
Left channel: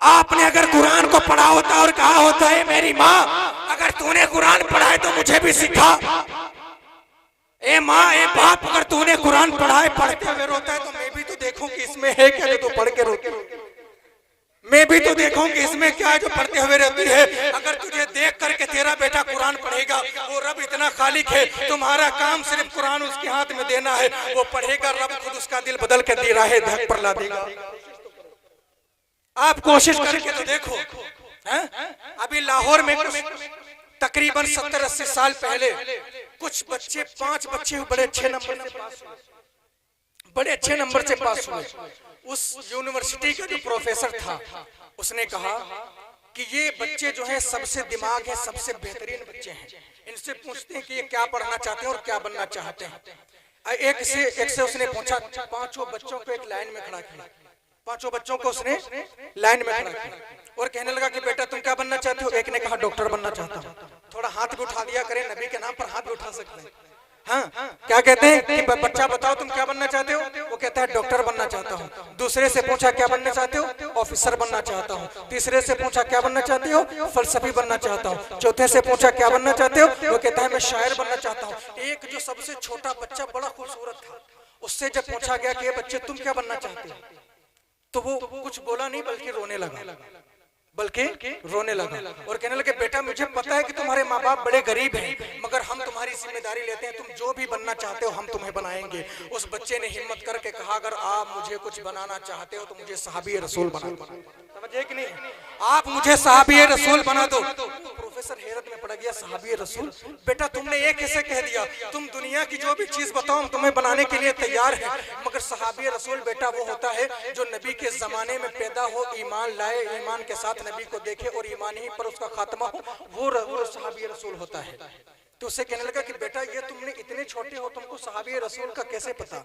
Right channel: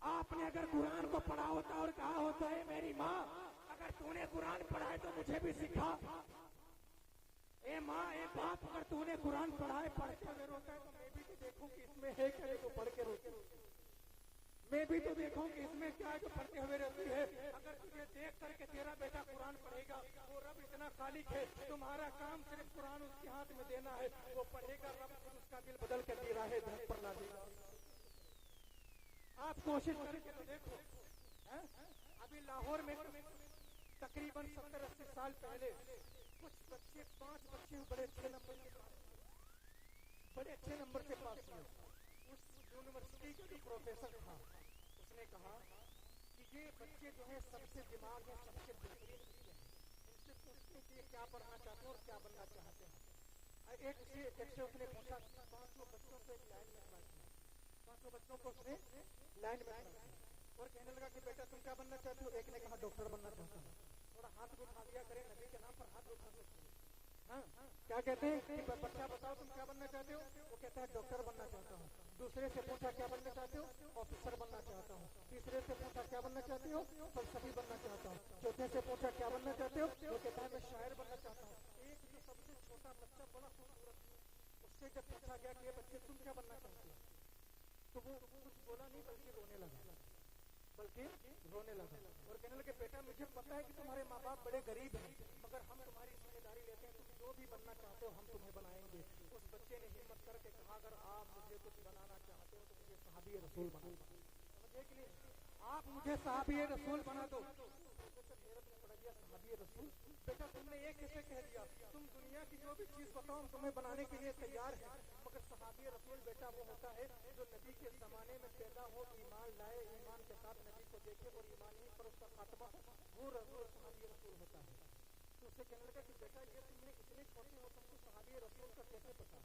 आपने अगर कुरान को पढ़ा होता और कहा होता है मेरी माँ अगर तूने कुरान पढ़ा है तो मुझे भी सिखा। ए माँ ए बाप, अगर तूने कुरान पढ़ा है, पढ़ते हुए रोता है तो मैं भी तो देखूं कि इसमें है क्या जो तू पढ़ के रोती है। मैं भी तो देखूं कि इसमें क्या है जो पढ़ते हुए रहती है। अगर तुझे देख करके तेरा बेटा कुरान पढ़ेगा, वो रब इतना खालिक है, तुम्हारा काम सिर्फ कुरान उसके हाथ में देना है, वो पढ़ेगा, रब खुद उसका दिल बदल के दे रहा है, धक पर ला देगा। आप कोशिश करके तो देखो। अभी लाहौर में तकरीबन 70-80 साल पहले कुछ बच्चे, 5 बच्चे बड़े अच्छे नंबर से पास हुए, बड़े अच्छे नंबर से पास हुए। उस यूनिवर्सिटी का जो प्रोफेसर था उसने कहा कि ये बच्चे जो हैं सबसे दिमाग है, सबसे बेहतरीन बच्चे हैं, इनसे पूछते हैं कि ये क्या पढ़ना चाहते हैं और क्या बनना चाहते हैं। एक से उसने पूछा, 5 बच्चों को एक लाइन में खड़ा किया, 5 बच्चों को उसने लाइन में खड़ा किया और कहने लगा कि बेटा तुम क्या बनना चाहते हो? एक ने कहा डॉक्टर बनना चाहता हूँ। थोड़ा हाथ भी उठा दिया करें, नबी के नाम पर हाथ भी उठा सकते हैं। हाँ, क्या कहते हैं कि बच्चा बताओ तुम क्या बनना चाहते हो? वो कहता है डॉक्टर बनना चाहता हूँ। दूसरे से पूछा क्या बनना चाहते हो? ऑफिसर बनना चाहता हूँ। तीसरे से पूछा क्या बनना चाहते हो? फलसफी बनना चाहता हूँ। चौथे से पूछा क्या बनना चाहते हो? वो कहता है मैं शायर बनना चाहता हूँ। एक जो सबसे छोटा बच्चा बड़ा खूबसूरत था, उससे जब पूछा गया कि बच्चे तुम क्या बनना चाहते हो, तो वो कुछ बोला नहीं बल्कि रोने लगा। बल्कि रोने लगा और कहने लगे बेटा मुझे पता है कि तुम्हारे माँ बाप बड़े गरीब हैं, मगर हम तुम्हारी जिम्मेदारी लेते हैं, तुम जो भी बनना चाहते हो हम तुम्हें बनाएंगे। उस बच्चे ने हिम्मत करके कहा अगर आप मुझे कुछ बनाना चाहते हो तो मुझे सहाबी रसूल बना दो। समझे कि नहीं? आप मुझे सहाबी रसूल बना दो। प्रोफेसर हैरत में पड़ गया, सहाबी रसूल बेटा तुमने ये कैसे कह दिया? तुम दुनिया की जो भी चीज बताओ हम तुम्हें बनाने के लिए तैयार हैं, मगर सहाबी रसूल बेटा वो होता है जो नबी के जमाने में पैदा हो, ईमान लाए, ईमान के साथ नबी को देखे और ईमान ही पर उसका खात्मा हो, वो सहाबी रसूल होता है। तो उससे कहने लगा कि बेटा ये तुमने इतने छोटे हो, तुमको सहाबी रसूल का कैसे पता?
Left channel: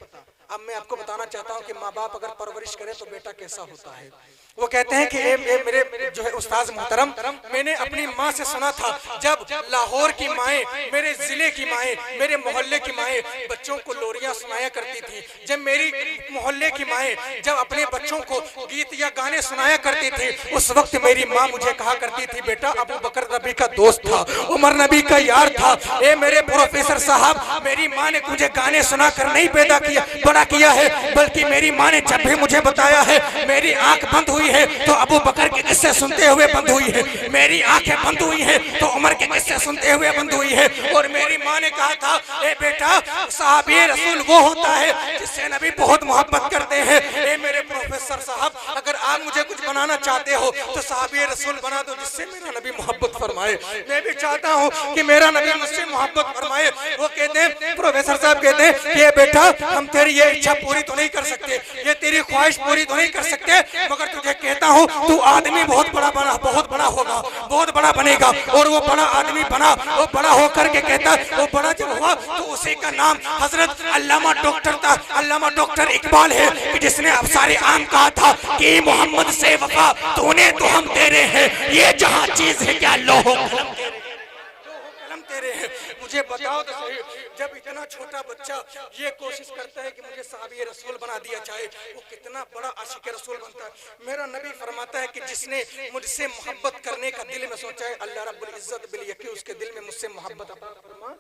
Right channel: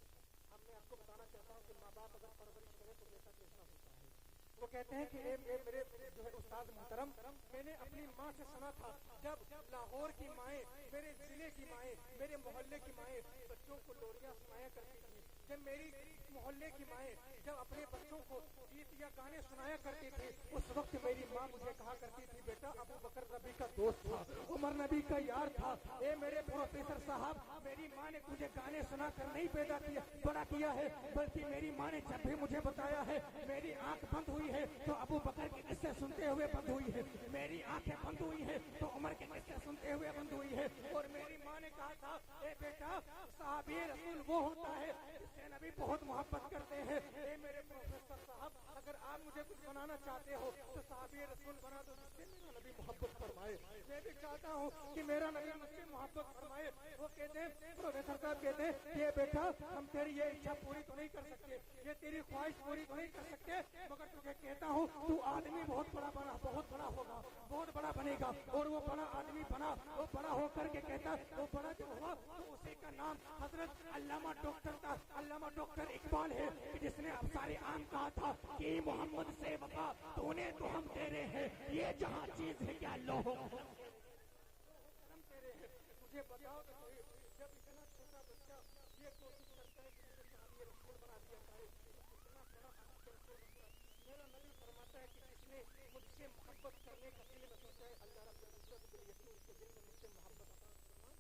अब मैं आपको बताना चाहता हूँ कि माँ बाप अगर परवरिश करे तो बेटा कैसा होता है। वो कहते हैं कि मेरे जो है उस्ताद मोहतरम, मैंने अपनी माँ से सुना था जब लाहौर की माएँ, मेरे जिले की माएँ, मेरे मोहल्ले की माएँ बच्चों को लोरियां सुनाया करती थी, जब मेरी मोहल्ले की माएँ जब अपने बच्चों को गीत या गाने सुनाया करती थी, उस वक्त मेरी माँ मुझे कहा करती थी बेटा अबू बकर नबी का दोस्त था, उमर नबी का यार था। ए मेरे प्रोफेसर साहब, मेरी माँ ने मुझे गाने सुनाकर नहीं पैदा किया बड़ा किया है, बल्कि मेरी माँ ने जब भी मुझे बताया है मेरी आंख बंद हुई है तो अबू बकर के किस्से सुनते हुए बंद हुई है, मेरी आंखें बंद हुई है तो उमर के किस्से सुनते हुए बंद हुई है। और मेरी माँ ने कहा था ए बेटा सहाबी रसूल वो होता है जिससे नबी बहुत मोहब्बत करते हैं। ए मेरे प्रोफेसर साहब, अगर आप मुझे कुछ बनाना चाहते हो तो सहाबी रसूल बना दो जिससे मेरा नबी मोहब्बत फरमाए। मैं भी चाहता हूँ कि मेरा नबी मुझसे मोहब्बत फरमाए। वो कहते हैं, प्रोफेसर साहब कहते हैं कि बेटा हम तेरी ये इच्छा पूरी तो नहीं कर सकते, ये तेरी ख्वाहिश पूरी तो नहीं कर सकते, मगर तुझे कहता हूँ तू आदमी बहुत बड़ा होगा, बहुत बड़ा बनेगा। और वो बड़ा आदमी बना, वो बड़ा होकर के कहता वो बड़ा जब हुआ तो उसी का नाम हजरत अल्लामा डॉक्टर था, अल्लामा डॉक्टर इकबाल है कि जिसने अब सारे आम कहा था कि मोहम्मद से वफा तूने तो हम तेरे हैं, ये जहाँ चीज है क्या लोहो कलम तेरे हैं। मुझे बताओ तो सही, जब इतना छोटा बच्चा ये कोशिश करता है कि मुझे सहाबी रसूल बना दिया जाए, वो कितना बड़ा आशिक रसूल बनता है। मेरा नबी फरमाता है कि जिसने मुझसे मोहब्बत करने का दिल में सोचा है, अल्लाह रब्बुल इज्जत बिल यकी उसके दिल में मुझसे मोहब्बत अता फरमा